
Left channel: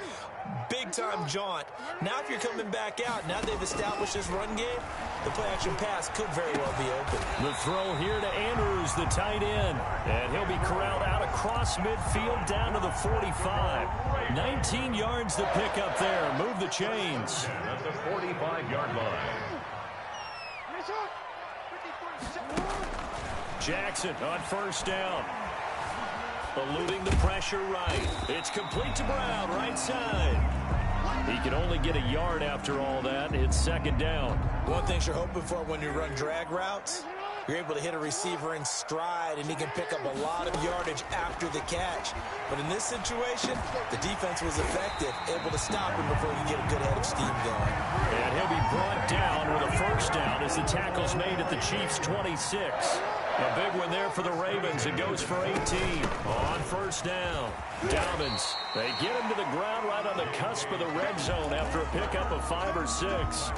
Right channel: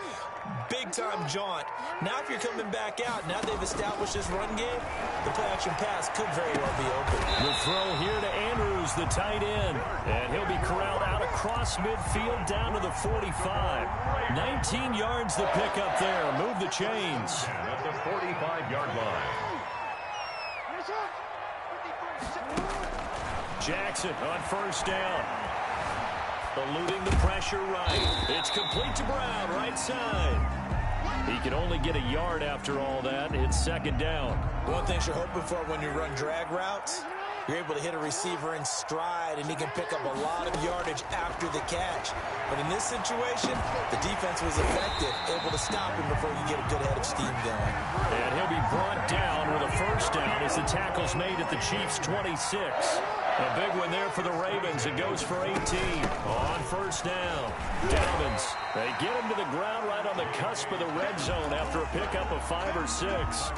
big-time jaunt? Now if you're coming back out, now they've established this run game, the play-action pass could very well be open. The throw here to Andrews, the tight end. And he'll be corralled out across midfield down to the 45. 19 yards to pick up there. Move the chains. At the 45-yard line. Jackson on first down. eluding the pressure right. It's complete to Brown, right side. He can only get a yard after all that. It's second down. One thing you're hoping for when you run drag routes, you're able to hit a receiver in stride, and he can pick up a lot of yardage after the catch. But in this situation, the defense was effective, able to stop him before you get a good head of steam going. And he'll be brought down with a first down as the tackle's made at the Chiefs' 26. A big one there for the Ravens. It goes for 18 on first down. Dobbins, they get him to the ground right on the cusp of the red zone after a pickup of 5 or 6.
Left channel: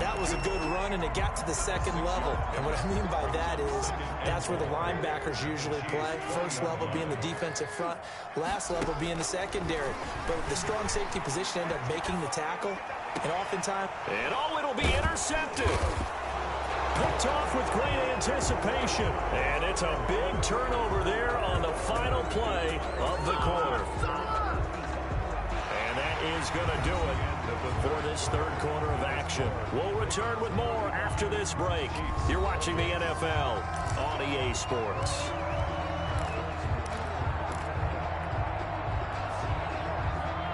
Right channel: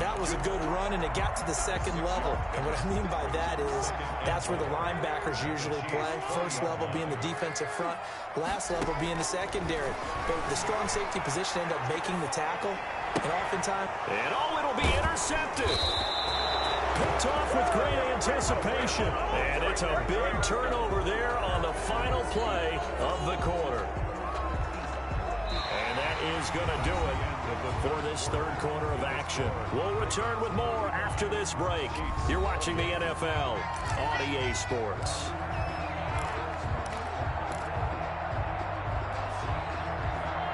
That was a good run, and it got to the second level. And what I mean by that is that's where the linebackers usually play. First level being the defensive front, last level being the secondary. But the strong safety position ended up making the tackle, and oftentimes... And it'll be intercepted. Picked off with great anticipation. And it's a big turnover there on the final play of the quarter. And that is going to do it for this third quarter of action. We'll return with more after this break. You're watching the NFL on EA Sports.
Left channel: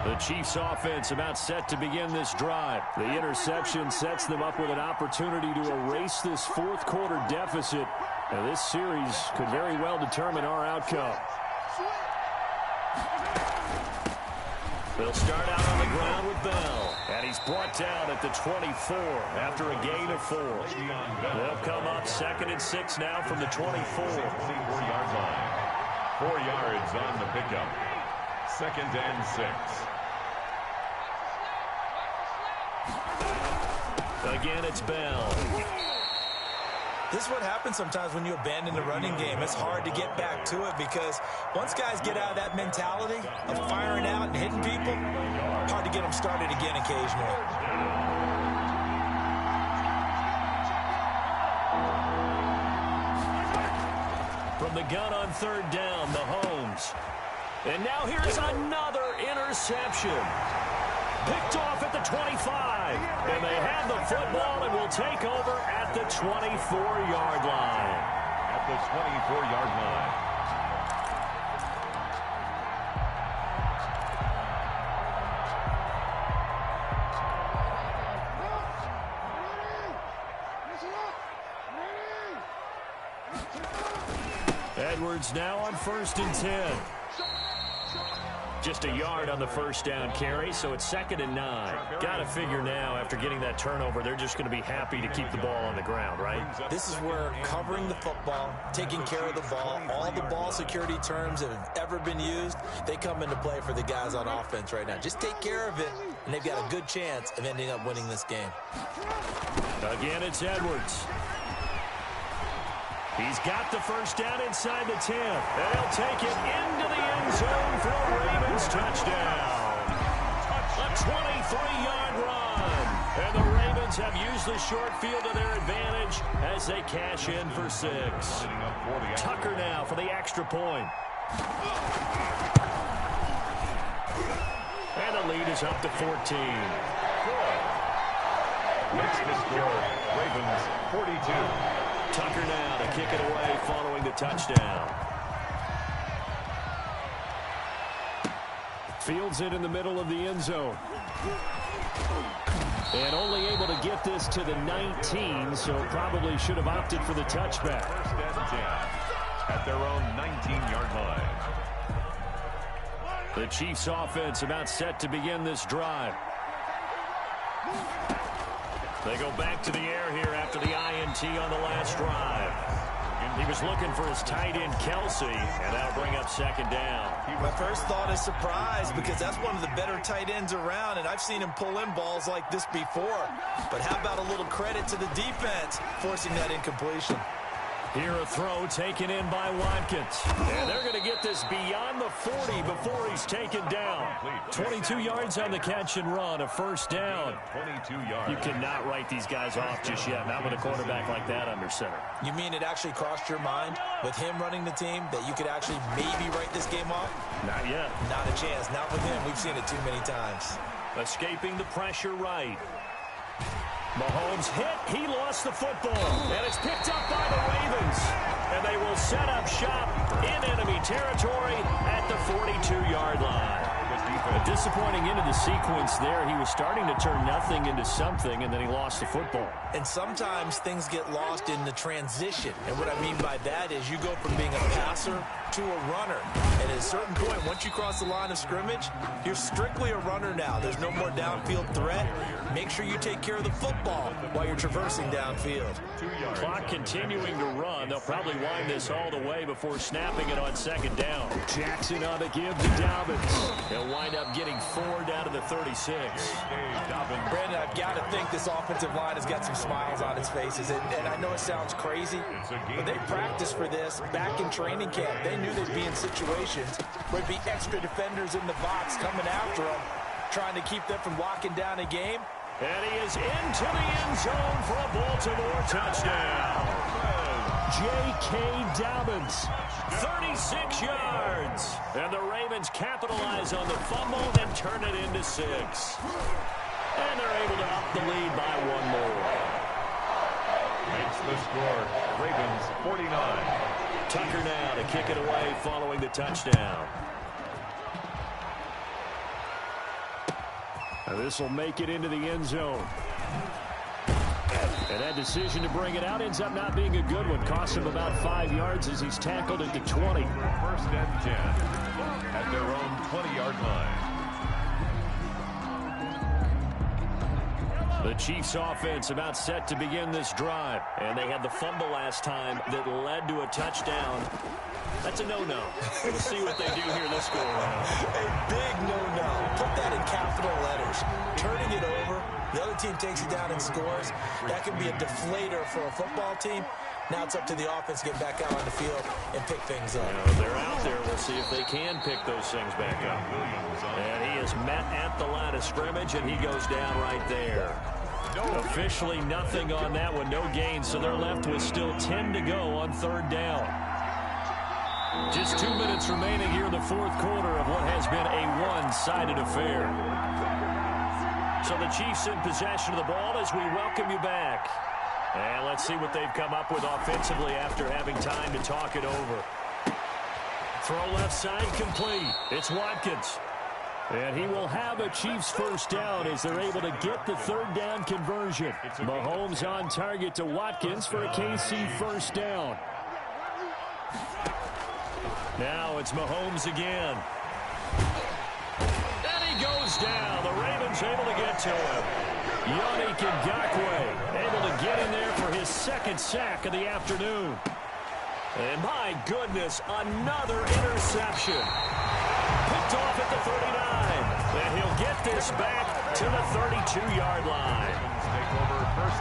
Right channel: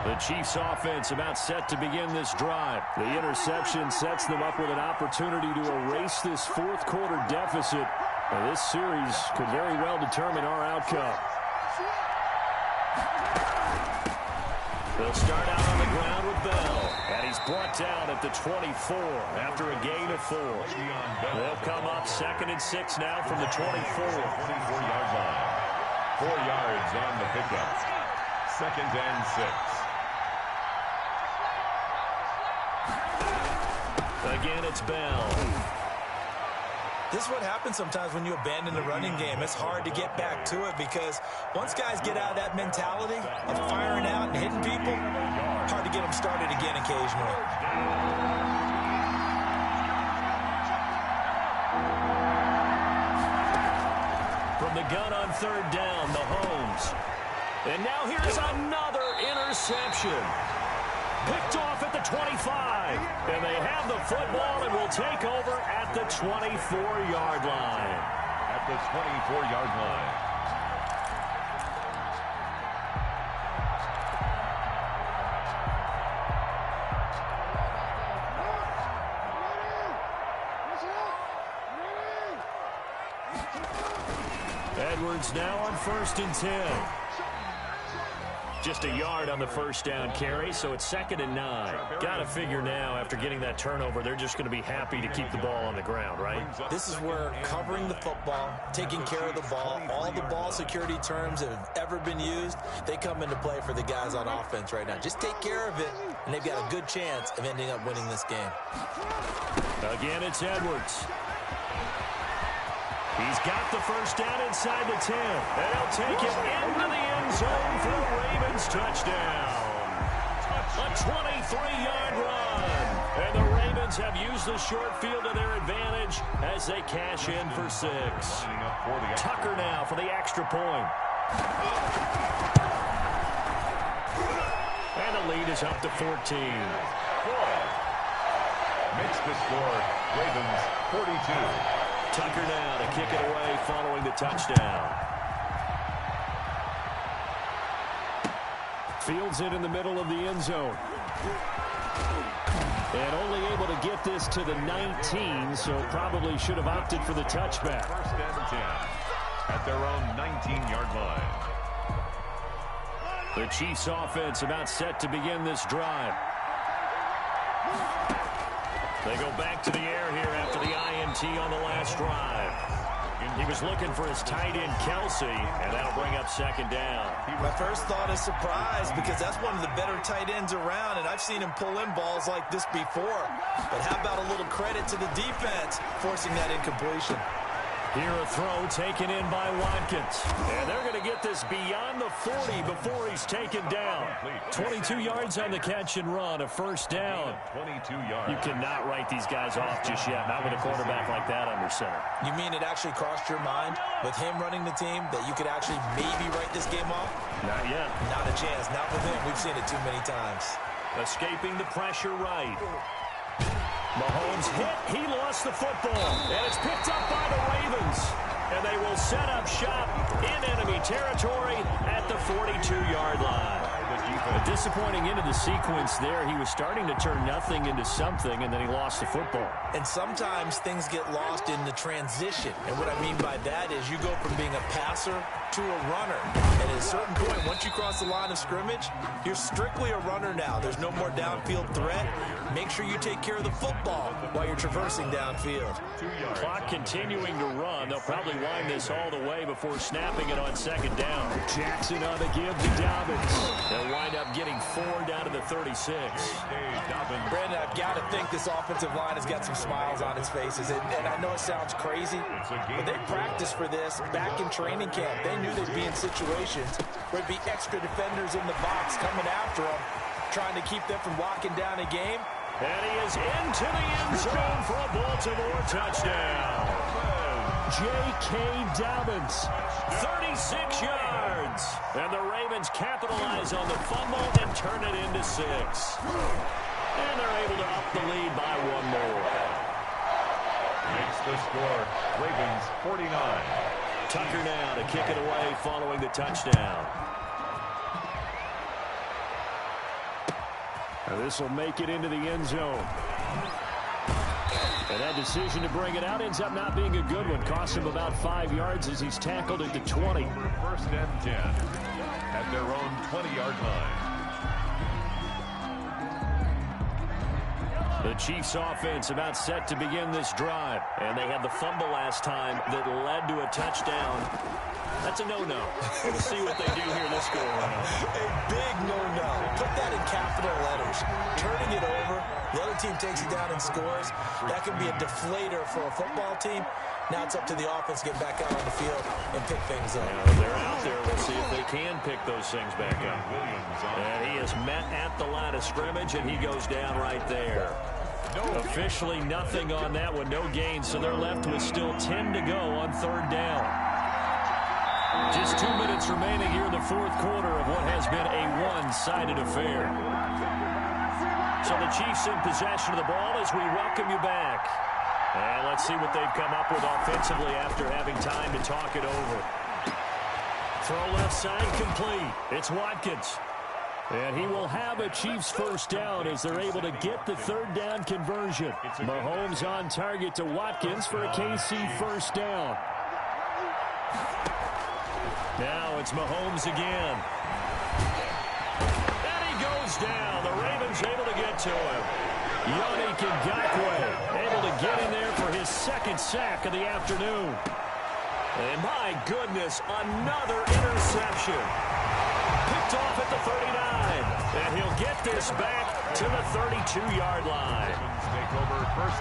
The Chiefs offense about set to begin this drive. The interception sets them up with an opportunity to erase this fourth quarter deficit. And this series could very well determine our outcome. They'll start out on the ground with Bell. And he's brought down at the 24 after a gain of 4. They'll come up 2nd and 6 now from the 24. 24-yard line. 4 yards on the pickup. 2nd and 6. Again, it's Bell. This is what happens sometimes when you abandon the running game. It's hard to get back to it because once guys get out of that mentality of firing out and hitting people, hard to get them started again occasionally. From the gun on 3rd down, Mahomes. And now here's another interception. Picked off at the 25. And they have the football and will take over at the 24-yard line. At the 24-yard line. Edwards now on 1st and 10. Just a yard on the first down carry, so it's 2nd and 9. Got to figure now, after getting that turnover, they're just going to be happy to keep the ball on the ground, right? This is where covering the football, taking care of the ball, all the ball security terms that have ever been used, they come into play for the guys on offense right now. Just take care of it, and they've got a good chance of ending up winning this game. Again, it's Edwards. He's got the first down inside the 10. And he'll take it into the end zone for a Ravens touchdown. A 23-yard run. And the Ravens have used the short field to their advantage as they cash in for 6. Tucker now for the extra point. And the lead is up to 14. Makes the score, Ravens 42. Tucker now to kick it away following the touchdown. Fields it in the middle of the end zone. And only able to get this to the 19, so probably should have opted for the touchback. 1st and 10 at their own 19-yard line. The Chiefs offense about set to begin this drive. They go back to the air here after the INT on the last drive. He was looking for his tight end, Kelsey, and that'll bring up 2nd down. My first thought is surprise because that's one of the better tight ends around, and I've seen him pull in balls like this before. But how about a little credit to the defense forcing that incompletion? Here a throw taken in by Watkins. And they're going to get this beyond the 40 before he's taken down. 22 yards on the catch and run, a first down. 22 yards. You cannot write these guys off just yet, not with a quarterback like that under center. You mean it actually crossed your mind with him running the team that you could actually maybe write this game off? Not yet. Not a chance. Not with him. We've seen it too many times. Escaping the pressure right. Mahomes hit. He lost the football. And it's picked up by the Ravens. And they will set up shop in enemy territory at the 42-yard line. A disappointing end of the sequence there. He was starting to turn nothing into something, and then he lost the football. And sometimes things get lost in the transition. And what I mean by that is you go from being a passer to a runner. And at a certain point, once you cross the line of scrimmage, you're strictly a runner now. There's no more downfield threat. Make sure you take care of the football while you're traversing downfield. Clock continuing to run. They'll probably wind this all the way before snapping it on second down. Jackson on the give to Dobbins. They'll wind up getting 4 down to the 36. Brandon, I've got to think this offensive line has got some smiles on its faces. And I know it sounds crazy, but they practiced for this back in training camp. They knew they'd be in situations where there'd be extra defenders in the box coming after them, trying to keep them from locking down a game. And he is into the end zone for a Baltimore touchdown. J.K. Dobbins, 36 yards. And the Ravens capitalize on the fumble and turn it into 6. And they're able to up the lead by 1 more. Makes the score, Ravens 49. Tucker now to kick it away following the touchdown. This will make it into the end zone. And that decision to bring it out ends up not being a good one. Cost him about 5 yards as he's tackled at the 20. First and 10 at their own 20-yard line. The Chiefs offense about set to begin this drive. And they had the fumble last time that led to a touchdown. That's a no-no. We'll see what they do here this go around. A big no-no. Put that in capital letters. Turning it over, the other team takes it down and scores. That can be a deflator for a football team. Now it's up to the offense to get back out on the field and pick things up. They're out there. We'll see if they can pick those things back up. And he is met at the line of scrimmage, and he goes down right there. Officially nothing on that one. No gain, so they're left with still 10 to go on 3rd down. Just 2 minutes remaining here in the 4th quarter of what has been a one-sided affair. So the Chiefs in possession of the ball as we welcome you back. And let's see what they've come up with offensively after having time to talk it over. Throw left side complete. It's Watkins. And he will have a Chiefs first down as they're able to get the 3rd down conversion. Mahomes on target to Watkins for a KC first down. Now it's Mahomes again. And he goes down. The Ravens able to get to him. Yannick Ngakoue able to get in there for his 2nd sack of the afternoon. And my goodness, another interception. Picked off at the 39. And he'll get this back to the 32-yard line.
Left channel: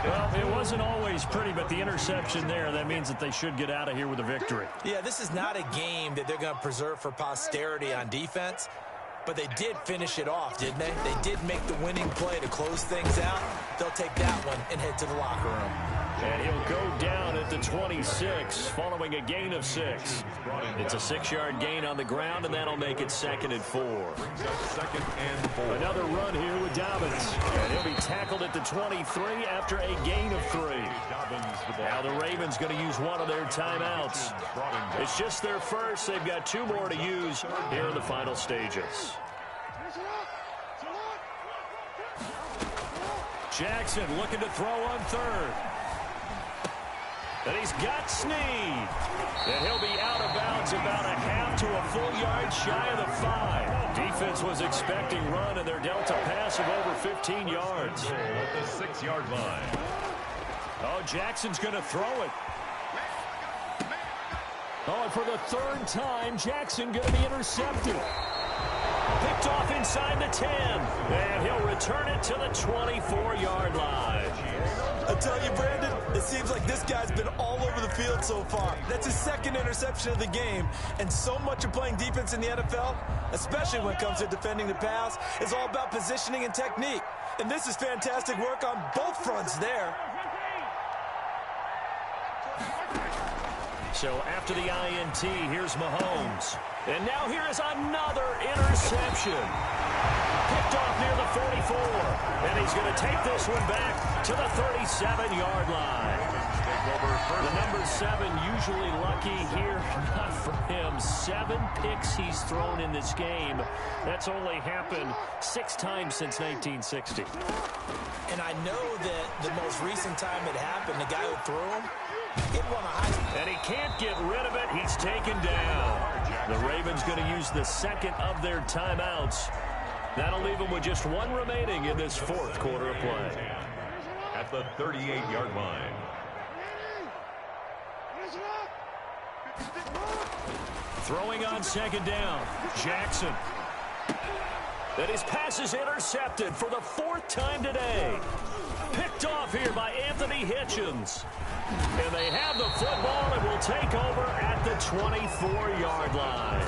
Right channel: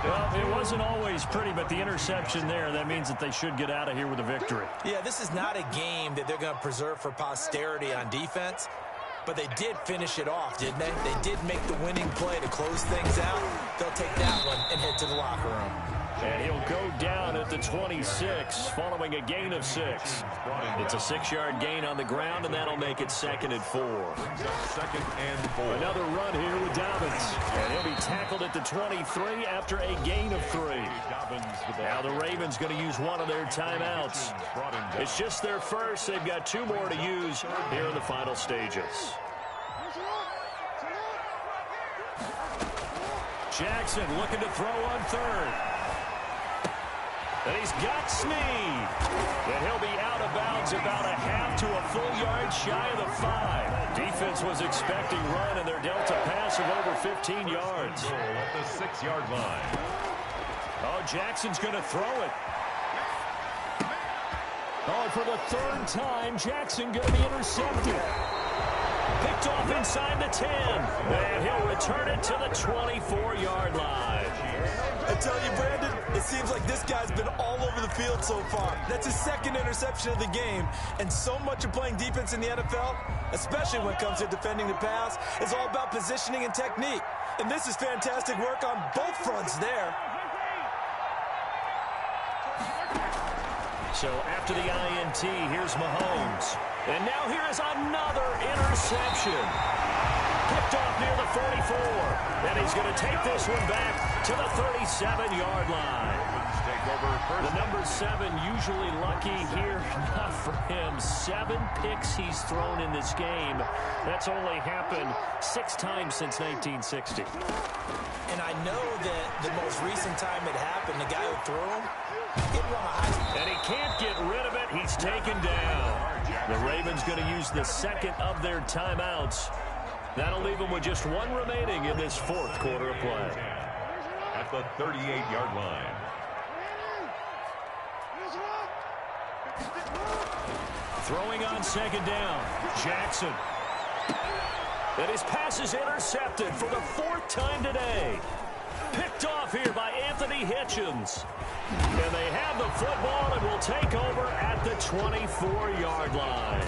Well, it wasn't always pretty, but the interception there, that means that they should get out of here with a victory. Yeah, this is not a game that they're going to preserve for posterity on defense, but they did finish it off, didn't they? They did make the winning play to close things out. They'll take that one and head to the locker room. And he'll go down at the 26 following a gain of 6. It's a 6-yard gain on the ground, and that'll make it 2nd and 4. Second and 4. Another run here with Dobbins. And he'll be tackled at the 23 after a gain of 3. Now the Ravens going to use one of their timeouts. It's just their first. They've got 2 more to use here in the final stages. Jackson looking to throw on 3rd. And he's got Snead. And he'll be out of bounds about a half to a full yard shy of the 5. Defense was expecting run, and they're dealt a pass of over 15 yards. At the 6-yard line. Oh, Jackson's going to throw it. Oh, and for the 3rd time, Jackson going to be intercepted. Picked off inside the 10. And he'll return it to the 24-yard line. I tell you, Brandon, it seems like this guy's been all over the field so far. That's his 2nd interception of the game. And so much of playing defense in the NFL, especially when it comes to defending the pass, is all about positioning and technique. And this is fantastic work on both fronts there. So after the INT, here's Mahomes. And now here is another interception. Picked Picked off near the 44. And he's going to take this one back to the 37-yard line. The number 7 usually lucky here. Not for him. 7 picks he's thrown in this game. That's only happened 6 times since 1960. And I know that the most recent time it happened, the guy who threw him, he won a Heisman. And he can't get rid of it. He's taken down. The Ravens going to use the second of their timeouts. That'll leave them with just 1 remaining in this 4th quarter of play. At the 38-yard line. Throwing on 2nd down. Jackson. And his pass is intercepted for the 4th time today. Picked off here by Anthony Hitchens. And they have the football and will take over at the 24-yard line.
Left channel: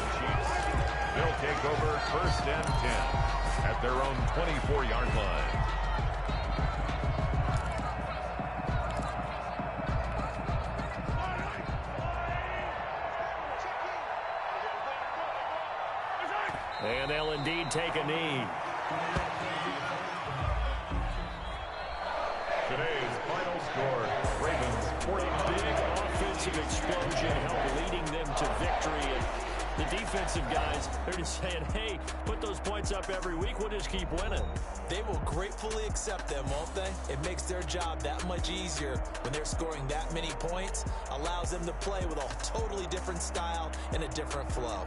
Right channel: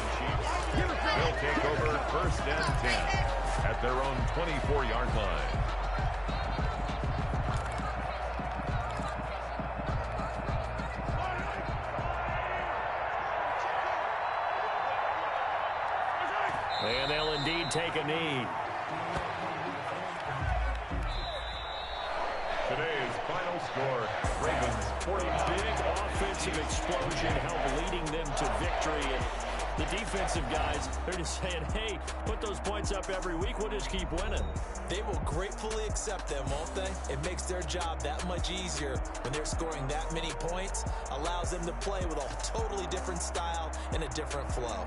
They'll take over 1st and 10 at their own 24-yard line. And they'll indeed take a knee. Today's final score, Ravens 49. Big offensive explosion helped leading them to victory. And the defensive guys, they're just saying, hey, put those points up every week. We'll just keep winning. They will gratefully accept them, won't they? It makes their job that much easier when they're scoring that many points. Allows them to play with a totally different style and a different flow.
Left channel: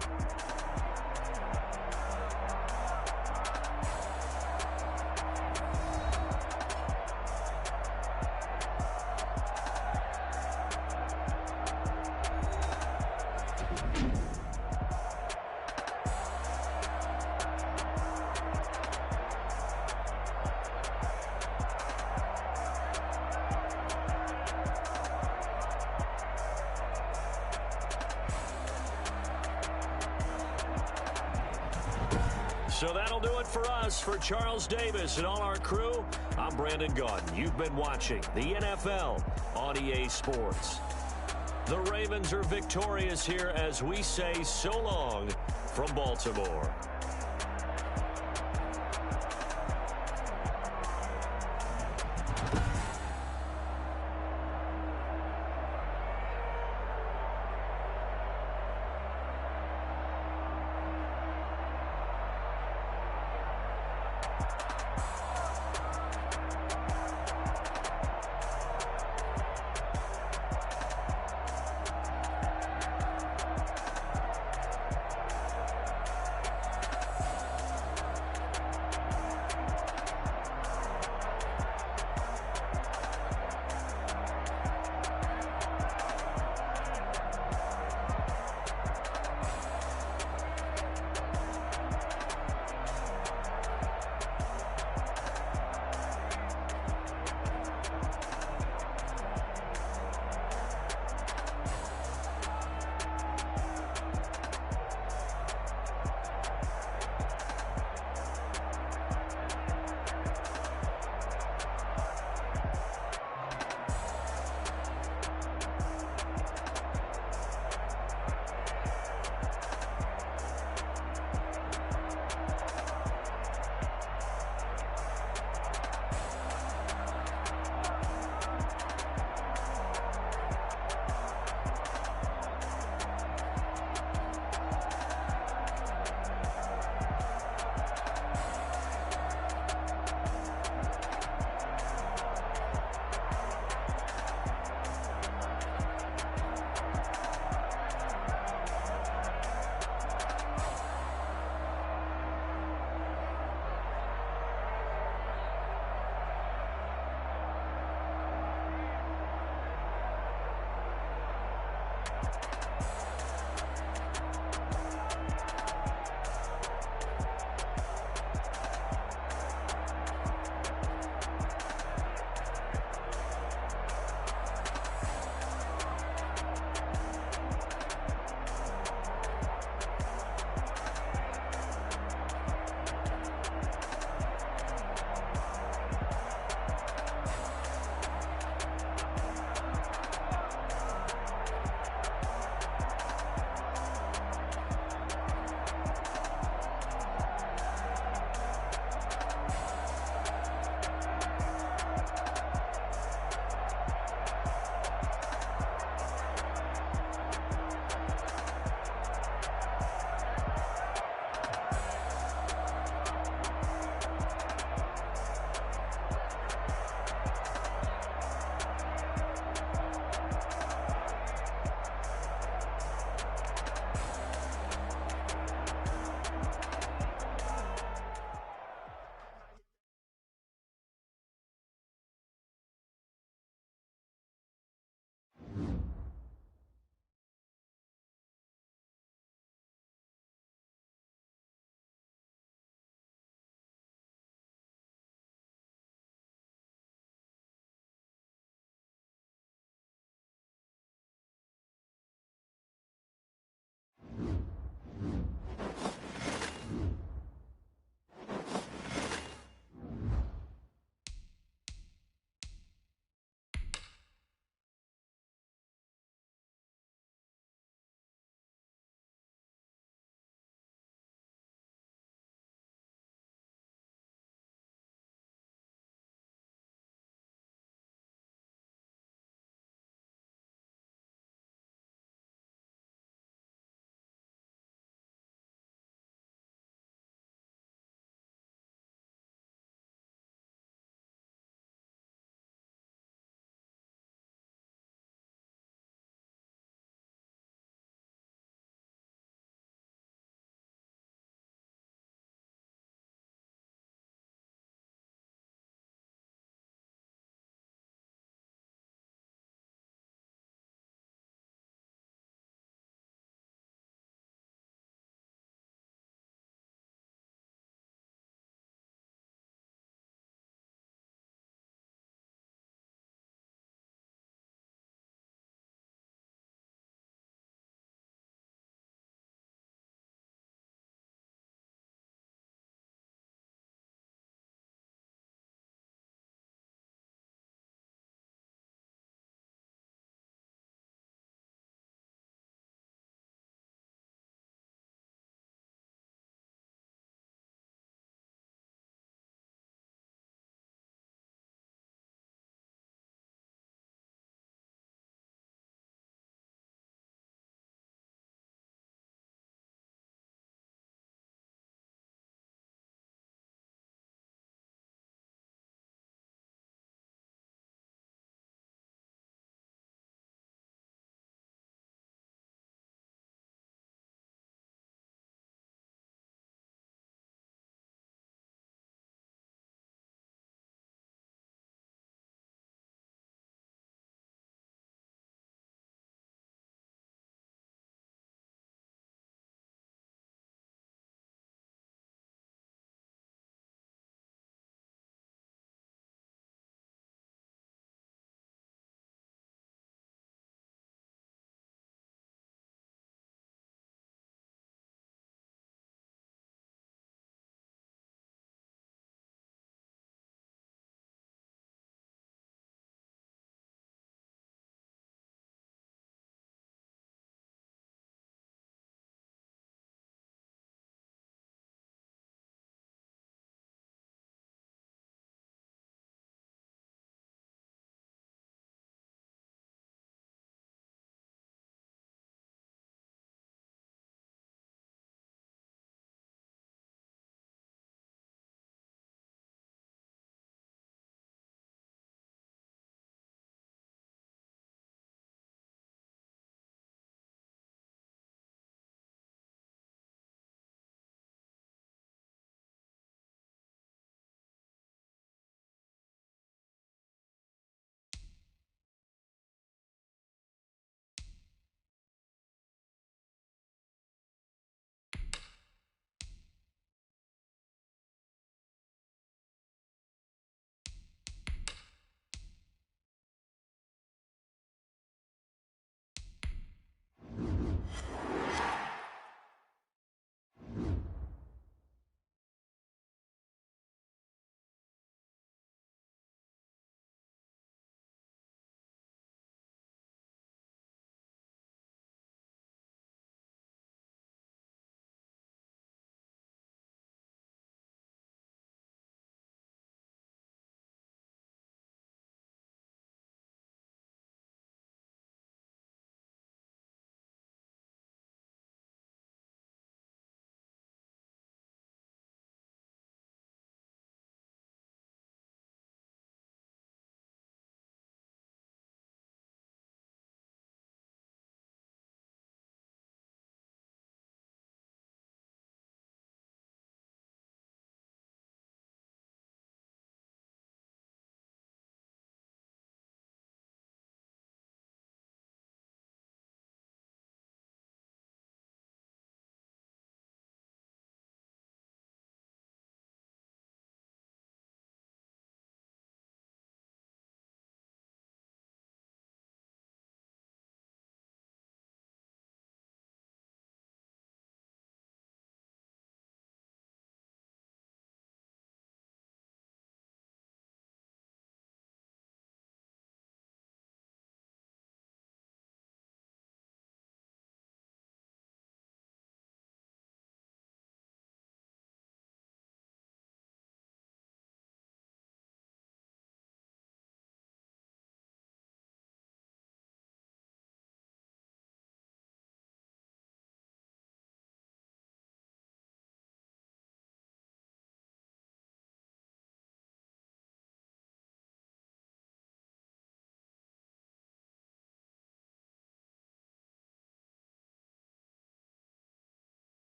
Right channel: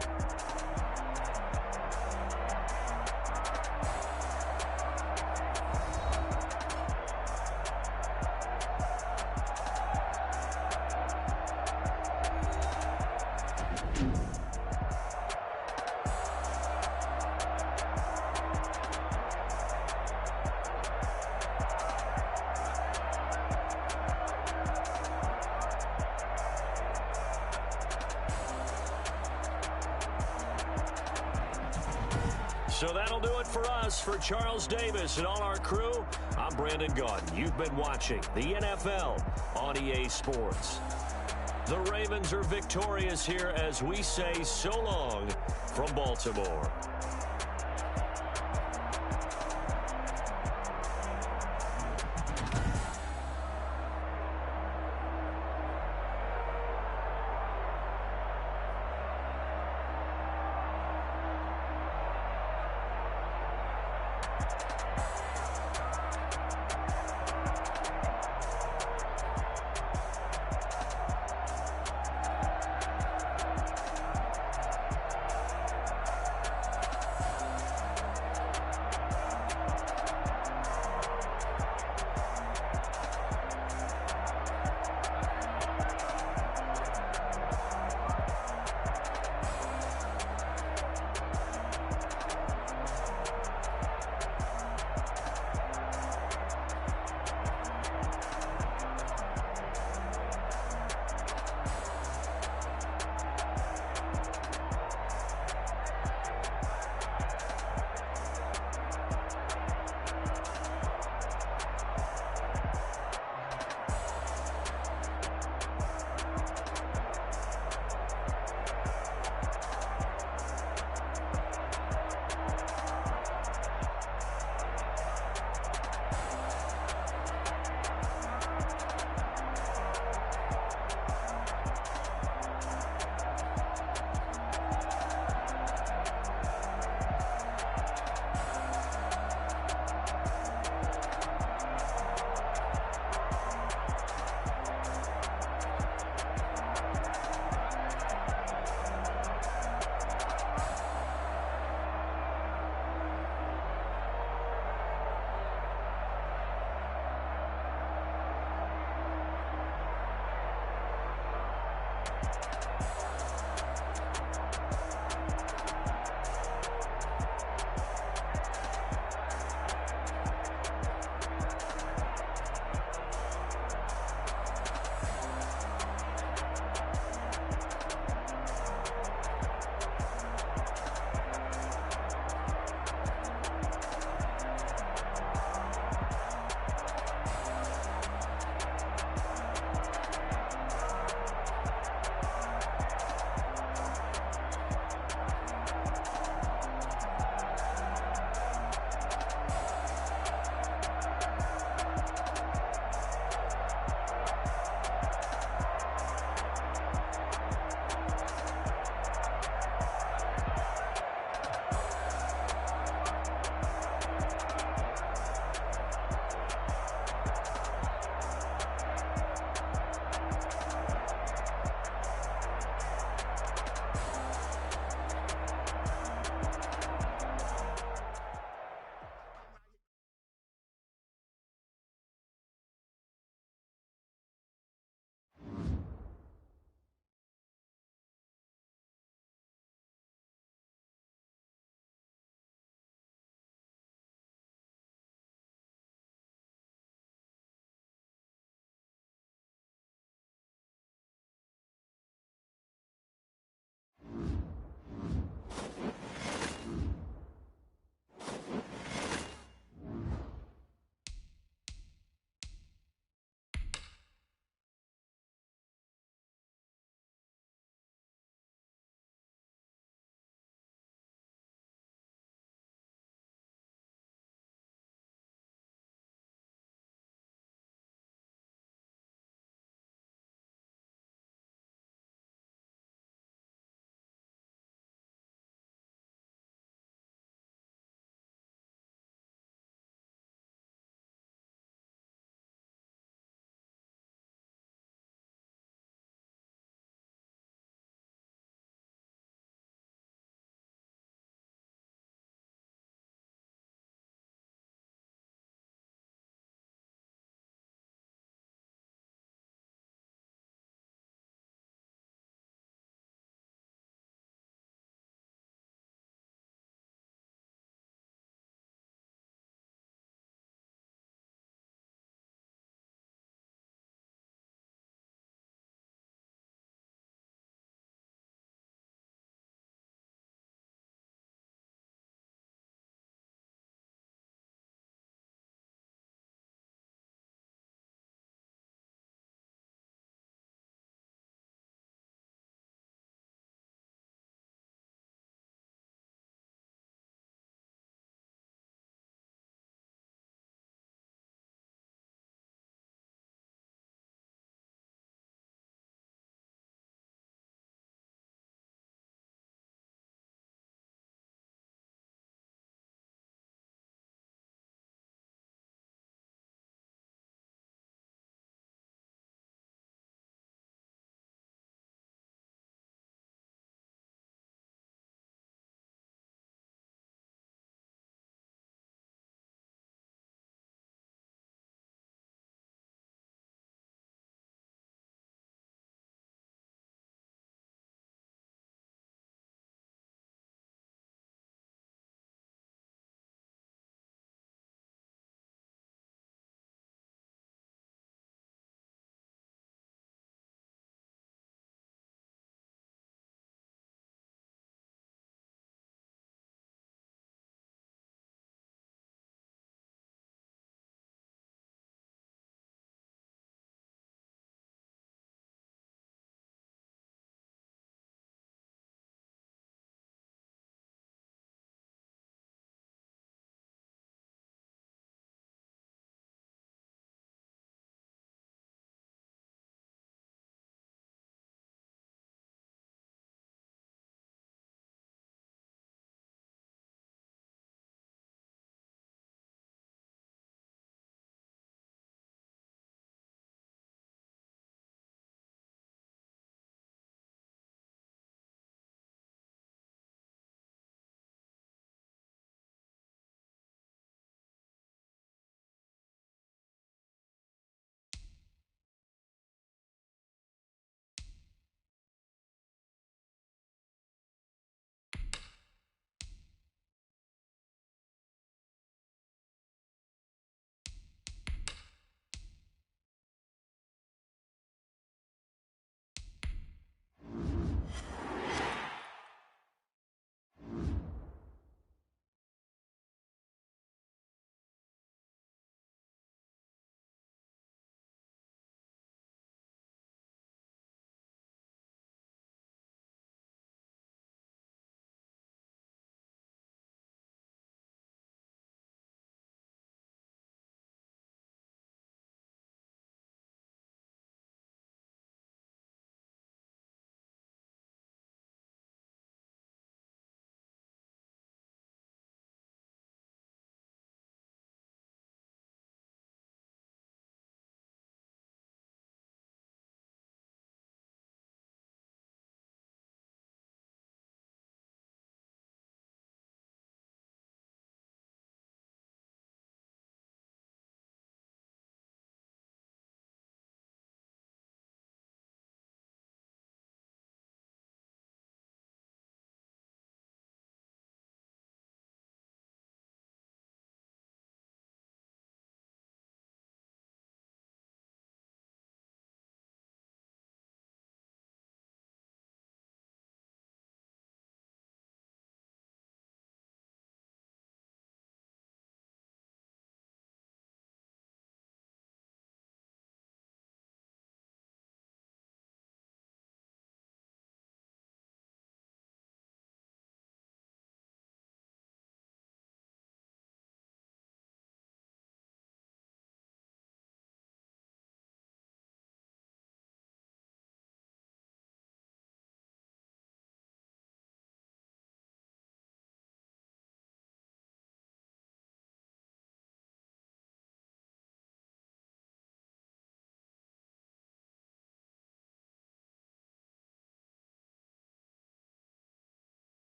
So that'll do it for us. For Charles Davis and all our crew, I'm Brandon Gaudin. You've been watching the NFL on EA Sports. The Ravens are victorious here as we say so long from Baltimore.